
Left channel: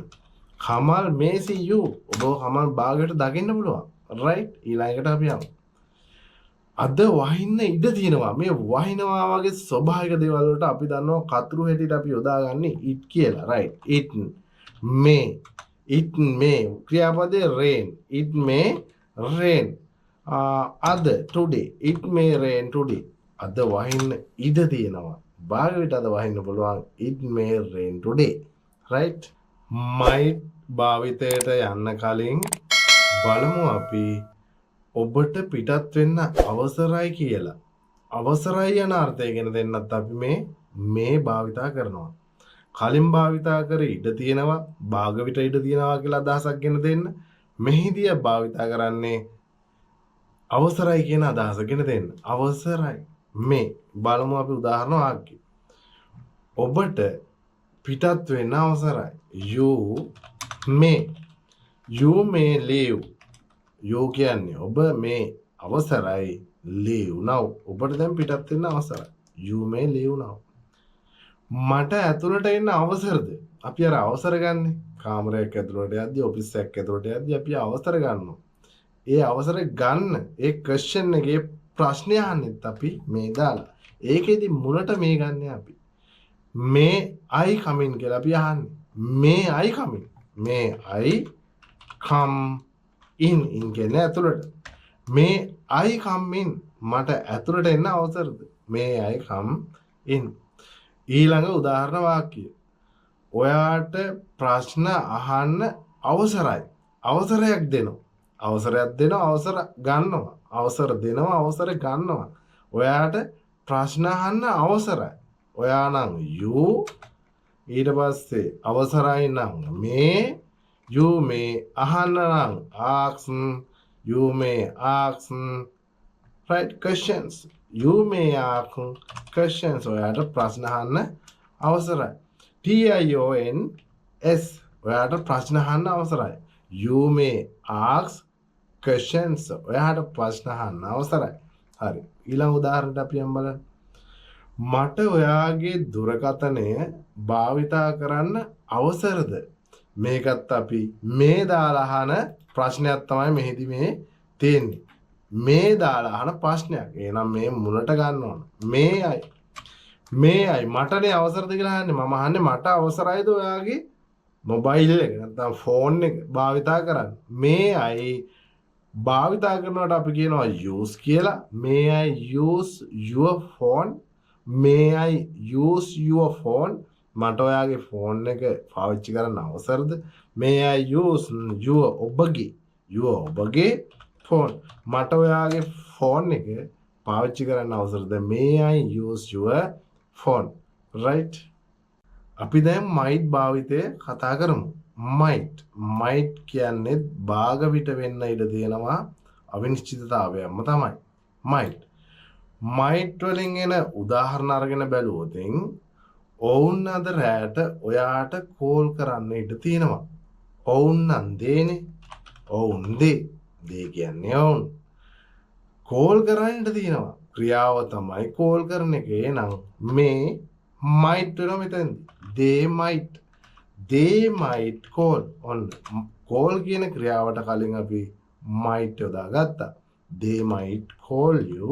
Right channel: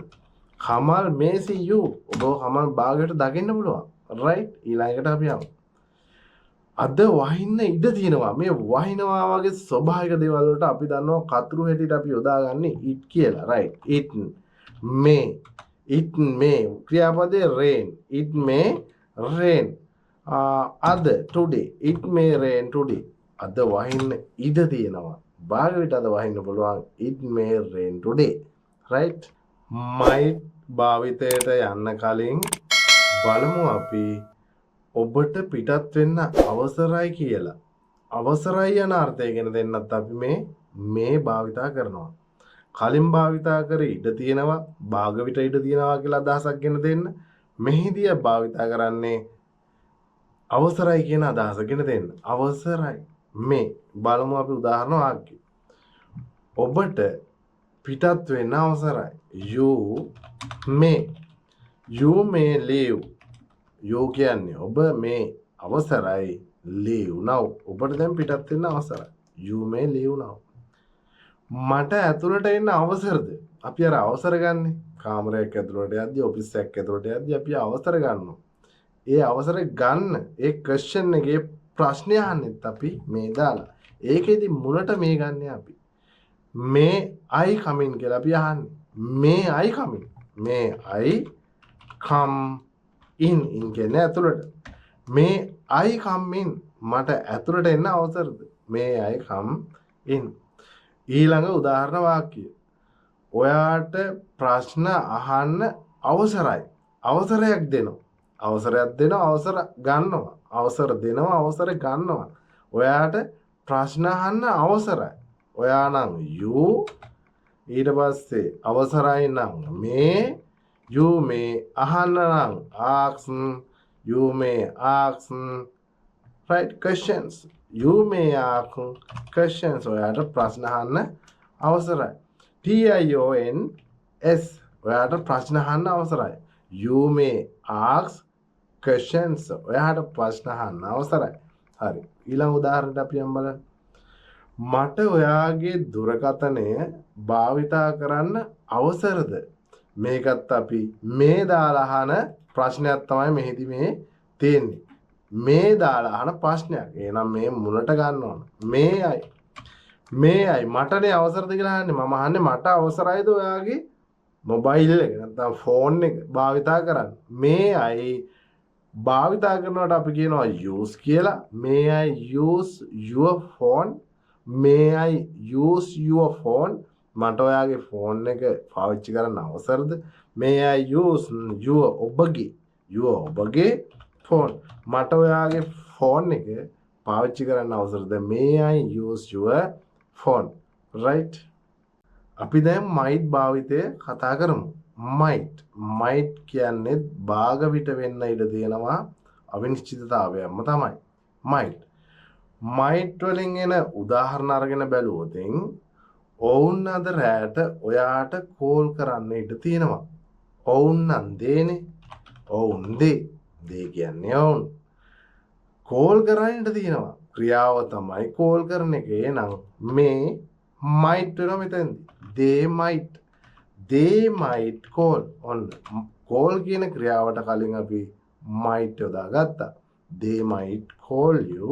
කමල් මේසි you. ඔබ කමල් භාගයට දකින්න පුළුවන්. right. ඊළඟට අපි යමු. අද වහින්න ඉඩ තියෙනවා. මේ වහිනවා වගේ ස්වභාවික දේවල් වලට අපි දන්නවා කතෘ හැටියට අපි යොදාගන්නේ it කියලා. right. it may ක්‍රියාපදේ rain. it may rain. අද today. it may rain today. අද වහින්න ඉඩ තියෙනවා. භාගයට අද වහින්න පුළුවන්. it may rain today. right. might භාවිතයට යන්න කලින් බලමු අපි ඔබට පිටත් වෙන්න අවසරයි කියලා. අවසරයි යන අර්ථය ගැන දෙන්නත් අපි මේ භාවිතා කරනවා. කලින් භාවිතා කරේ ඉඩ තියෙනවා, භාගවිත ඉඩ තියෙනවා කියලා අදහසක් ගැන දෙන්න. මෙහිදී භාවිතා කරන්නේ අවසරයි කියන අදහස ගැන දෙන්න. අවසරයි. මේ බලමු අපි උදාහරණ වාක්‍ය. ඔබට පිටත් වෙන්න අවසරයි. you may leave. you කියන්නේ ඔබ මේ අවසරයි. leave now. ඔබට දැන් පිටත් වෙන්න අවසරයි. you may leave now. මට ඇතුළට එන්න අවසරද? අපි අර අවසර ගන්නෙ. කාමරයක් ඇතුළට යද්දි, ඔෆිස් එකක් ඇතුළට යද්දි අපි අවසර ගන්නවා. ඒ අවසර ගන්න ඒ ක්වෙස්චන් එකේ ප්‍රශ්නය අහන්නෙත් අපි මේ දාලා. ඒකෙදි මුලට මේ ගන්න අපි. may I come in කියලා අපි අහන්නේ. may I come in. may I come in කියන්නේ ඇතුළට. may I come in. මට ඇතුළට එන්න අවසරද? may I come in. ඊළඟ උදාහරණ වාක්‍යය. ඔයාට ප්‍රශ්න අහන්න අවසරයි. අවසරයක් දෙනවා. අවසරයක් දෙනවා, අවසර ගන්නවා. අවසර දෙනවා, අවසර ගන්නවා. ඔයාට ප්‍රශ්න අහන්න අවසරයි. ඔයා නම් you ඊට පස්සේ අවසරයි නම් මේ you may අහන්න නම් ask you may ask right questions. you may ask questions. ඔයාට ප්‍රශ්න අහන්න අවසරයි. TIONS ඔයාට ප්‍රශ්න අහන්න අවසරයි. you may ask questions. ඔයාට ප්‍රශ්න අහන්න අවසරයි. හරි. ඊළඟ උදාහරණයක් අපි යමු බලන්න. මට ඔයාගේ දුරකථනය භාවිතා කරන්න අවසරද? මේකත් අපි මේ දාලා අහන ප්‍රශ්නයක් තමයි මෙහිදී මේ තියෙන්නේ. මේ දාලා අහන ප්‍රශ්නයක්. එහෙනම් මේ මුලට ගන්න ඕන. මේයි මටනේ අවසරද කියලා අහන්නේ. මම අහන්නේ මට අවසරයිද ඔයාගේ මොබයිල් එක නැත්නම් ෆෝන් එක භාවිතා කරන්න. මේයි භාවිතා කරනකොට අපි කියනවා use කියලා. may I use your phone? may I use your phone? මට ඔයාගේ ෆෝන් එක පාවිච්චි කරන්න අවසරද? may I use your ඔබගේ ෆෝන්? මට ඔයාගේ ෆෝන් එක පාවිච්චි කරන්න අවසරද? may I use your phone? right. අපි දැන් might භාවිතය කතා කරමු. might කියන්නේ භාගවිත වෙන්න ඉඩ තියෙනවා අවිනිශ්චිතතාවයක්ම තමයි might වලින් එන උදාහරණ අරගෙන බැලුවොත් ඔවුන් අද රැට ඔයාට කෝල් කරන්න ඉඩ තියෙනවා. ඔවුන් නම් දේනේ. ඔවුන් දේ කියන්නේ ඔවුන් කෝල් කරන්න ඉඩ තියෙනවා. ක්‍රියාව තමයි කෝල් කරන එක. එහෙනම් මේ might වෙනවා මෙතෙන්දී. they might call on call කියන ක්‍රියාවට කලින් අපි might යොදාගත්තා. They might call you.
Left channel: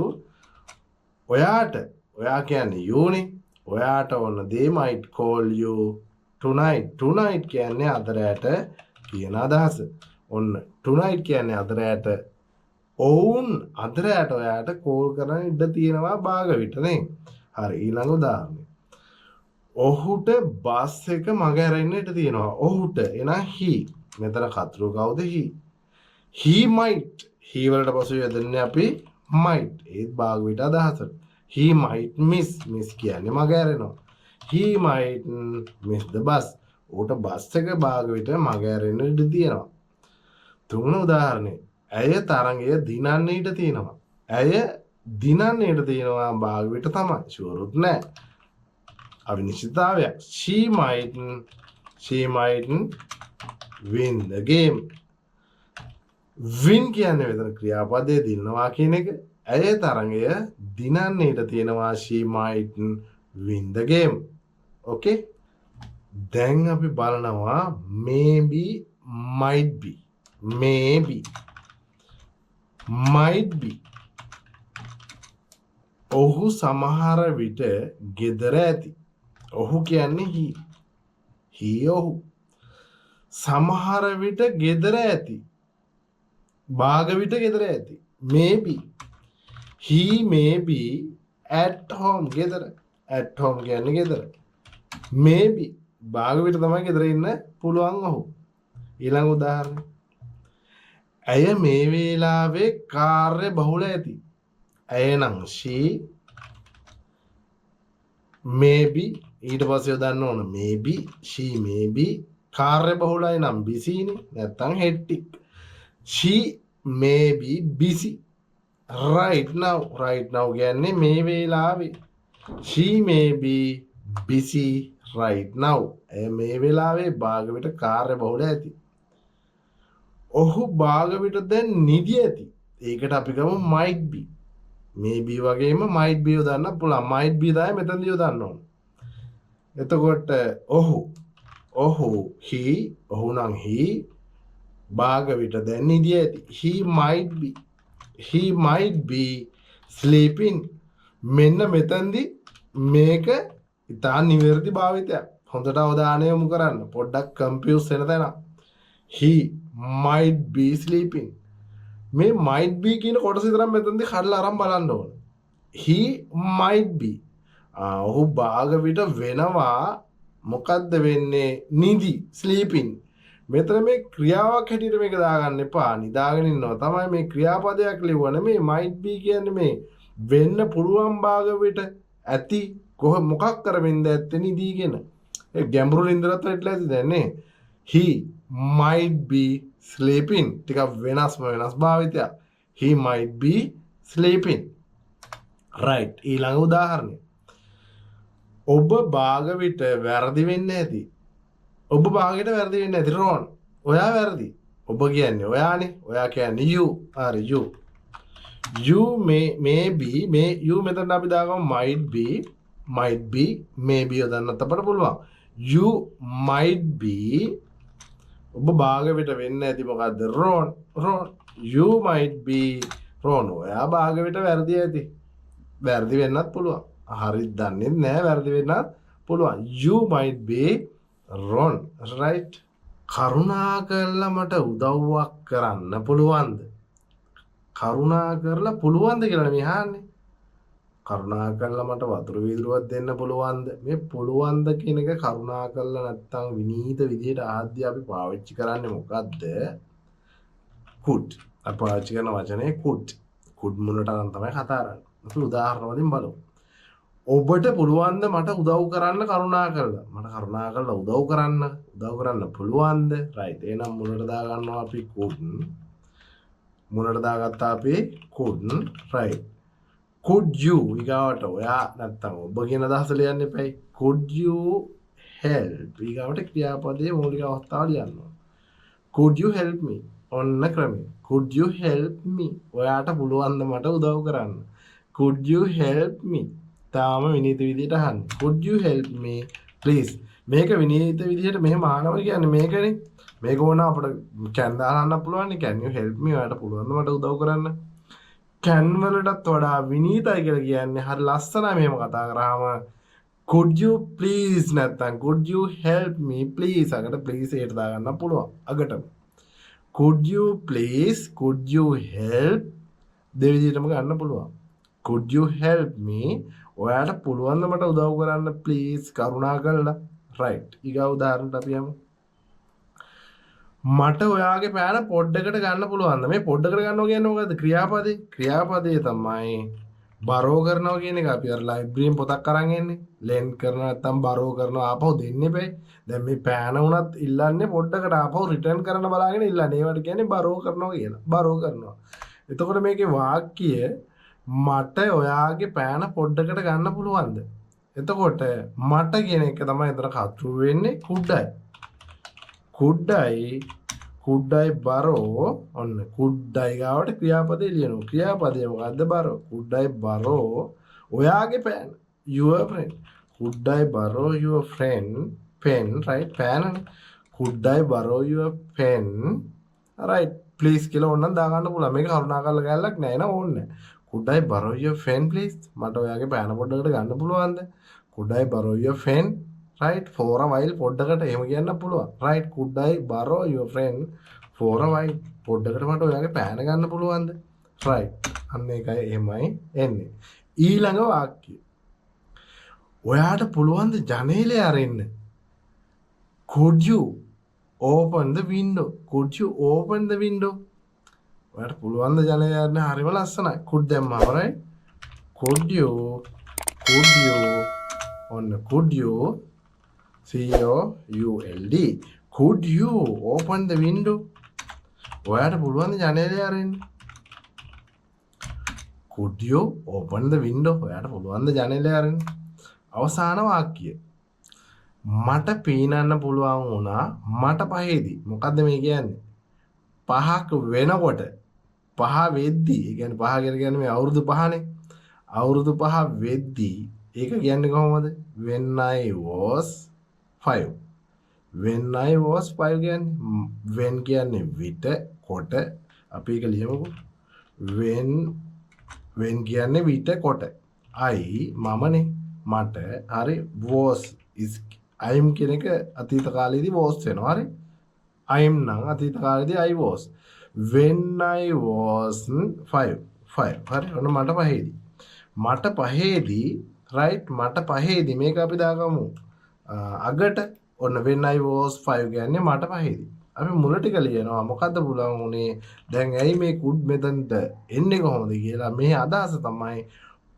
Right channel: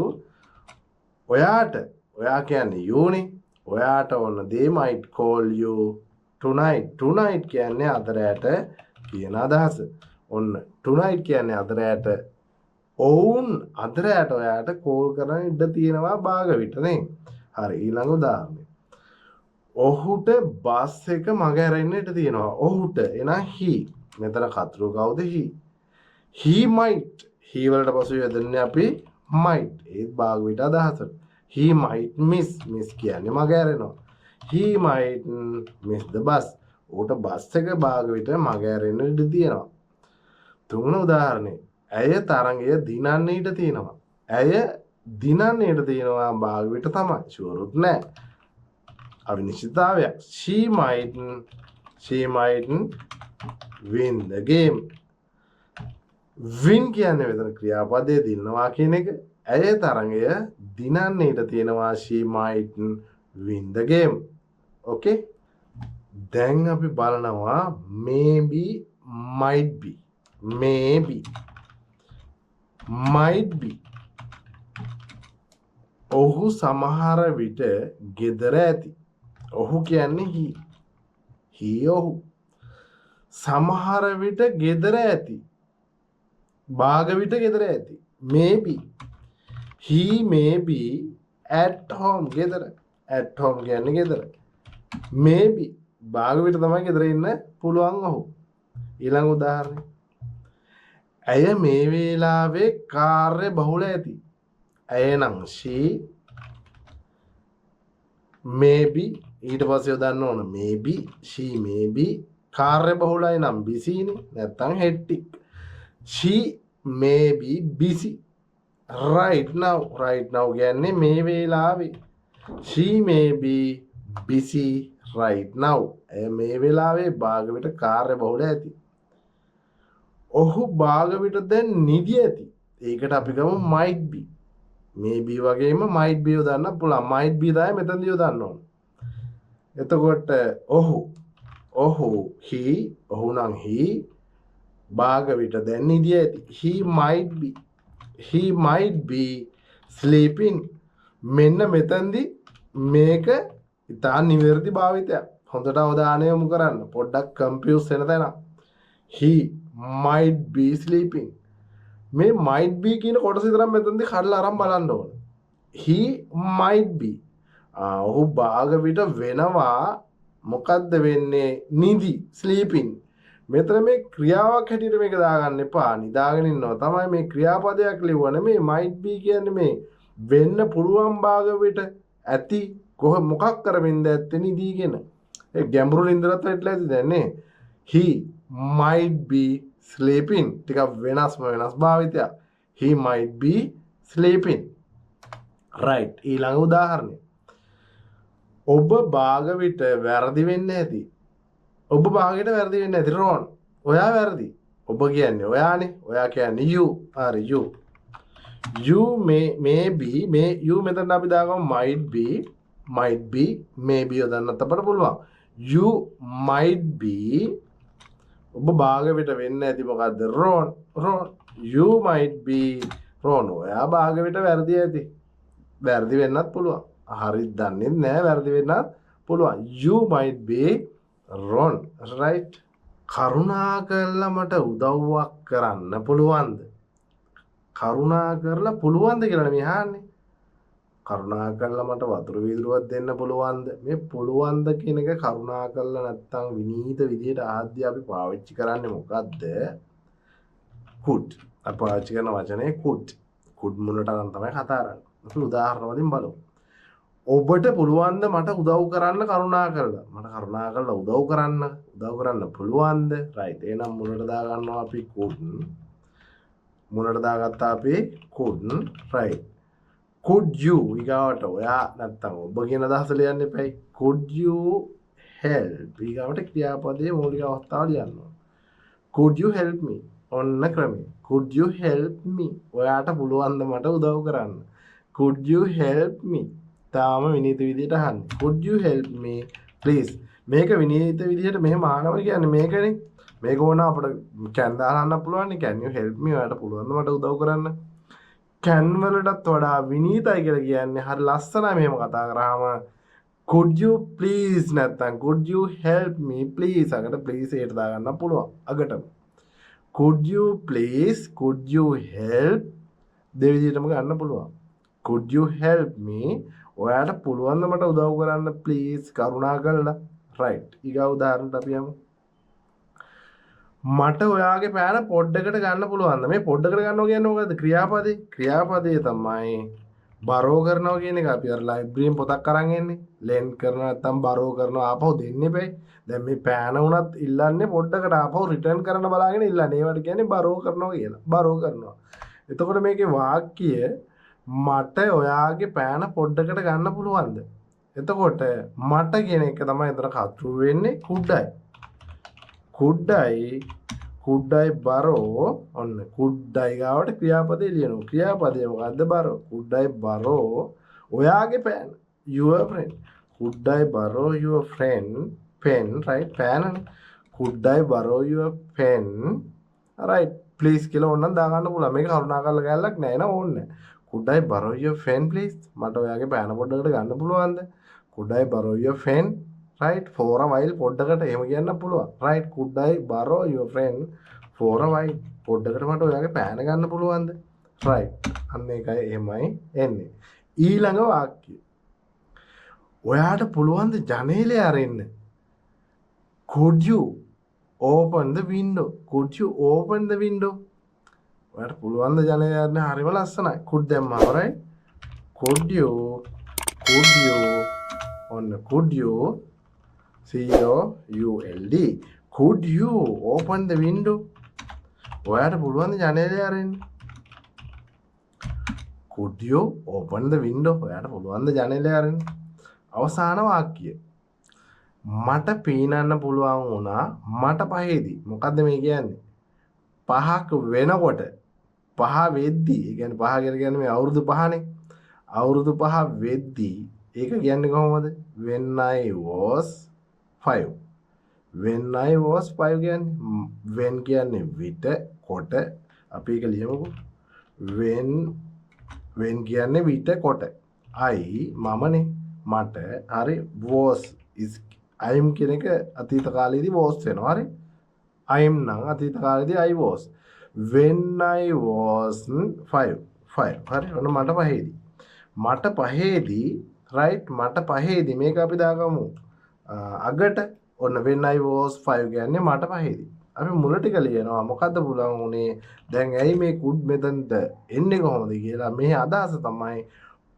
ඔයා කියන්නේ youනේ. ඔයාට ඕන they might call you tonight. Tonight කියන්නේ අද රැට කියන අදහස. ඔන්න tonight කියන්නේ අද රැට. ඔවුන් අද රැට ඔයාට කෝල් කරන්න ඉඩ තියෙනවා භාග විට නේ. හරි ඊළඟ උදාහරණය. ඔහුට බස් එක මග ඇරෙන්න ඉඩ තියෙනවා. ඔහුට එහෙනම් he. මෙතන කතුරු කවුද he? He might. he වලට පසු යොදන්නේ අපි might. ඒත් භාග විට අදහසට. He might miss. miss කියන්නේ මග ඇරෙනවා. He might miss the bus. ඌට බස් එක භාග විට මග ඇරෙන්න ඉඩ තියෙනවා. තුන්වෙනි උදාහරණය. ඇය තරඟය දිනන්න ඉඩ තියෙනවා. ඇය දිනන්න ඉඩ තියෙනවා භාග විට තමයි. ෂුවරුත් නෑ. අවිනිශ්චිතතාවයක්. She might win the game. win කියන්නේ මෙතන ක්‍රියාපදයේ දිනනවා කියන එක. ඇය තරඟය දිනන්න ඉඩ තියෙනවා. She might win the game. okay. දැන් අපි බලනවා maybe might be. maybe might be. ඔහු සමහර විට ගෙදර ඇති. ඔහු කියන්නේ he ඔහු සමහර විට ගෙදර ඇති. භාග විට ගෙදර ඇති. maybe he may be at home. ගෙදර at home කියන්නේ ගෙදර. maybe භාග විට තමයි ගෙදර ඉන්න පුළුවන් ඔහු. ඊළඟ උදාහරණය. ඇය මේ වේලාවේ කාර්ය බහුල ඇති. ඇය නම් she maybe ඊට පස්සේ යොදන්න ඕන maybe she maybe කාර්ය බහුලයි නම් busy නේ නැත්තම් hectic. she may be busy right now. right now කියන්නේ මේ වේලාවේ. she may be busy right now. ඇය මේ වෙලාවේ භාග විට කාර්ය බහුල ඇති. ඔහු භාග විට දැන් නිදි ඇති. ඒකට අපි ගමු might be. maybe වගේම might be යොදන්න පුළුවන්. might be තමයි මෙතනදී යොදන්න ඕන. එතකොට ඔහු he ඔහු නම් he භාග විට දැන් නිදි ඇති. he might be sleeping. මෙන්න මෙතනදී මේක ඉතා නිවැරදි භාවිතයක්. හොඳට අවධානය යොමු කරන්න. පොඩ්ඩක් කන්ෆියුස් වෙන තැන. he might be sleeping. මේ might be කියන කොටස විතරක් මෙතනදී කඩලා අරන් බලන්න ඕන. he might be. ඔහු භාග විට වෙනවා මොකද්ද වෙන්නේ? නිදි sleeping. මෙතන මේ ක්‍රියාවක් හැටියට මේක දාගන්න එපා. නිදාගෙන ඉන්නවා තමයි මේ ක්‍රියාපදයක් ලියවන මේ might be කියන්නේ මේ වෙන්න පුළුවන් භාග විට ඇති මොකක් කරමින්ද ඇත්තේ නිදීගෙන. ඒ ගැඹුරු නින්දරත් වෙట్లా ඇති දැන් නේ. he might be sleeping. ටිකක් වෙනස් භාවිතයක්. he might be sleeping. right. ඊළඟ උදාහරණය. ඔබ භාග විට වැරදි වෙන්නේ නැති. ඔබ භාගයට වැරදි වෙන්නේ නැති රෝන්. ඔයා වැරදි. ඔබ කියන්නේ ඔයානේ. ඔයා කියන්නේ you. හරි you. you may be you මෙතන අපි දාගමු might be maybe යොදන්නත් අපට පුළුවන්. you might be ඔබ භාග විට වෙන්නේ නැති මොකද්ද? රෝන්. you might be රෝන්. ඔයා භාග විට වැරදි ඇති. වැරදි වෙන්නත් පුළුවන්. හරි දන්නේ නැහැ වැරදි වෙන්නත් පුළුවන්. you might be wrong. right. කරුණා කරලා මට උදව්වක් කරන්න පුළුවන්ද? කරුණා කරලා පුළුවන්ද කියලා නෙමෙයි අහන්නේ. කරුණා කරලා මට වතුර වීදුරුවක් දෙන්න පුළුවන්ද? මේ පුළුවන්ද කියන එක කරුණා කරලා නැත්තම් විනීත විදියට ආද්‍ය අපි පාවිච්චි කරන්නේ මොකද්ද? could. අපි පාවිච්චි කරන වචනේ could. could මුලට අරන් තමයි කතා කරන්නේ. අපි උදාහරණ වලින් බලමු. ඔබට පුළුවන්ද මට උදව් කරන්න කරුණා කරලා? මට කරුණා කරලා උදව් කරන්න පුළුවන්ද? right. එහෙනම් මුලට දා ගන්නවා අපි could. මුලට දාගත්තා අපි could. right. could you ඊගාවට ඔයා නැත්තම් ඔබ කියන අදහස ලියන්න එපයි. could you help ඊගාවට ක්‍රියාපදයේ මූලික අවස්ථාව ලියන්න ඕන. could you help me ඔන්න ක්‍රමය. could you help me ඔයාට පුළුවන්ද මට උදව් කරන්න? could you help me තාම විනීත විදියට අහන්න. could you help me please මේක විනීත විදියට මෙහෙම ආනවා කියන්නේ මේකනේ. මේක ඕන අපිට can දාන්න පුළුවන් නේ can you help me ඔයාලට පුළුවන් ද මට උදව් කරන්න can වලටත් වඩා විනීතයි කියලා කියන්නේ හරි ලස්සනයි මෙහෙම කතා කරාම could you please නැත්තම් could you help me please අකට please ඒට දාගන්න පුළුවන් අගටම could you please could you help දෙවිදිහටම ගන්න පුළුවන් could you help me ඔයාලට පුළුවන් ද මට උදව් කරන්න please කරුණා කරලා right ඊගා උදාහරණයක් අපි යමු මට ඔයාගේ පෑන පොඩ්ඩකට ගන්න පුළුවන්ද මේ පොඩ්ඩකට ගන්නවා කියන්නේ මොකද්ද ක්‍රියාපදේ තමයි බරෝ කරනවා කියන එක අපි අර ලයිබ්‍රරියෙන් පොතක් අරන් එන්නේ ලෙන් කරනවා නැත්නම් බරෝ කරනවා ආපහු දෙන්න එපයි දැන් මේ පෑන උනත් ඉල්ලන්නේ පොඩ්ඩකට ආපහු රිටර්න් කරන්න බලාගෙන ඉල්ලන්නේ ඒවට කියන්නේ බරෝ කරනවා කියලා බරෝ කරනවා එතකොට මේකේ වාක්‍ය මට ඔයාගේ පෑන පොඩ්ඩකට ගන්න පුළුවන්ද එතකොට මට කියන එක තමයි එතන කතරු වෙන්නේ කුඩ්ඩයි බරෝ ඔන්න කුඩ්ඩයි ගාවට ක්‍රියාපදේ ලියනවා ක්‍රියාපදේ මොකද්ද බරෝ කුඩ්ඩයි බරෝ ඔයාගේ පෑන your friend කුඩ්ඩයි බරෝ your friend pen right පෑනනේ කුඩ්ඩයි බරෝ your pen right please කියලා ඕනනම් දාගන්න පුළුවන් මේක කරුණාකරලා ගෑල්ලක් නෑ නේද ඕන්නේ කුඩ්ඩයි බරෝ your pen please මට ඔයාගේ පෑන පොඩ්ඩකට ගන්න පුළුවන්ද කුඩ්ඩයි බරෝ your pen right for a while පොඩ්ඩකට එහෙම කියන්න පුළුවන් right could I borrow your friend for a while පොඩ්ඩකට මට ඔයාගේ පෑන ගන්න පුළුවන්ද right අන්න ඒකයි එහෙමයි එන්නේ ඊළඟ වාක්‍යය ඔයාට පුළුවන් ද ජනේලය අරින්න could you open the window ඔයාට පුළුවන් ද ජනේලය අරින්න හරිම ලස්සනයි could දැම්මම right could you ඔන්න could you COULD could you open the window ඔයාට පුළුවන් ද ජනේලය අරින්න could you open the window ඔයාට පුළුවන් ද ජනේලය අරින්න අවසාන වාක්‍යය මට පීනන්න පුළුවන් වුණා මට පහේදී මොකද්ද මේ කියන්නේ පහක් වෙනකොට පහ වෙද්දී ඒ කියන්නේ පහ කියලා කියන්නේ මේ අවුරුදු පහනේ අවුරුදු පහ වෙද්දී ඒක කියන්නේ කොහොමද when I was 5 කියන්නේ when කියන්නේ විට කොට අපි ඒක ලියමුකෝ when කියන්නේ විට කොට I මමනේ මට හරි was is I am කියන එක අතීත කාලේදී was වෙනවා හරි I am නම් අතීත කාලේදී I was when I was 5 හරි ඔන්න මට පහේදී right මට පහේදී මේක අපි දාගමු අගට ඔන්න when I was 5 කියන්නේ මට පහේදී අපි මුල ටික ලියනවා මොකද්ද පුළුවන් උනේ දැන් ඇයි මේ could මෙතනට එන්නේ කොහොමද කියලා මේ අදහස තමයි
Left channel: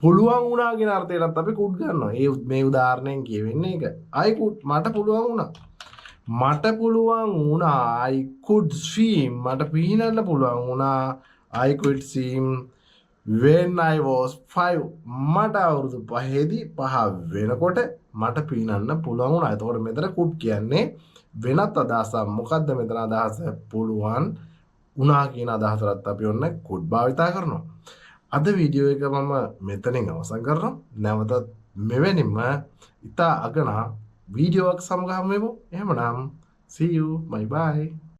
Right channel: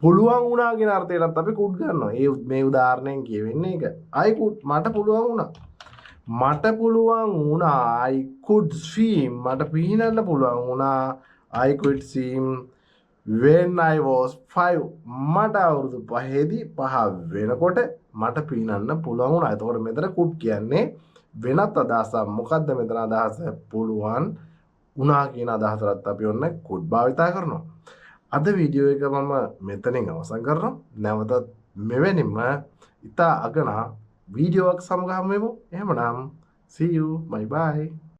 පුළුවන් වුණා කියන අර්ථයටත් අපි could ගන්නවා මේ උදාහරණයෙන් කියවෙන්නේ ඒක I could මට පුළුවන් වුණා I could swim මට පීනන්න පුළුවන් වුණා I could swim when I was 5 මට අවුරුදු 5දී 5 වෙනකොට මට පීනන්න පුළුවන් වුණා. එතකොට මෙතන could කියන්නේ වෙනත් අදහසක්. මොකද්ද මෙතන අදහස? පුළුවන් වුණා කියන අදහසට අපි ඔන්න could භාවිතා කරනවා. අද වීඩියෝ එක මම මෙතනින් අවසන් කරනවා. නැවතත් මෙවැනිම ඉතා අගනා වීඩියෝවක් සමග හමු වෙමු. එහෙමනම් see you bye bye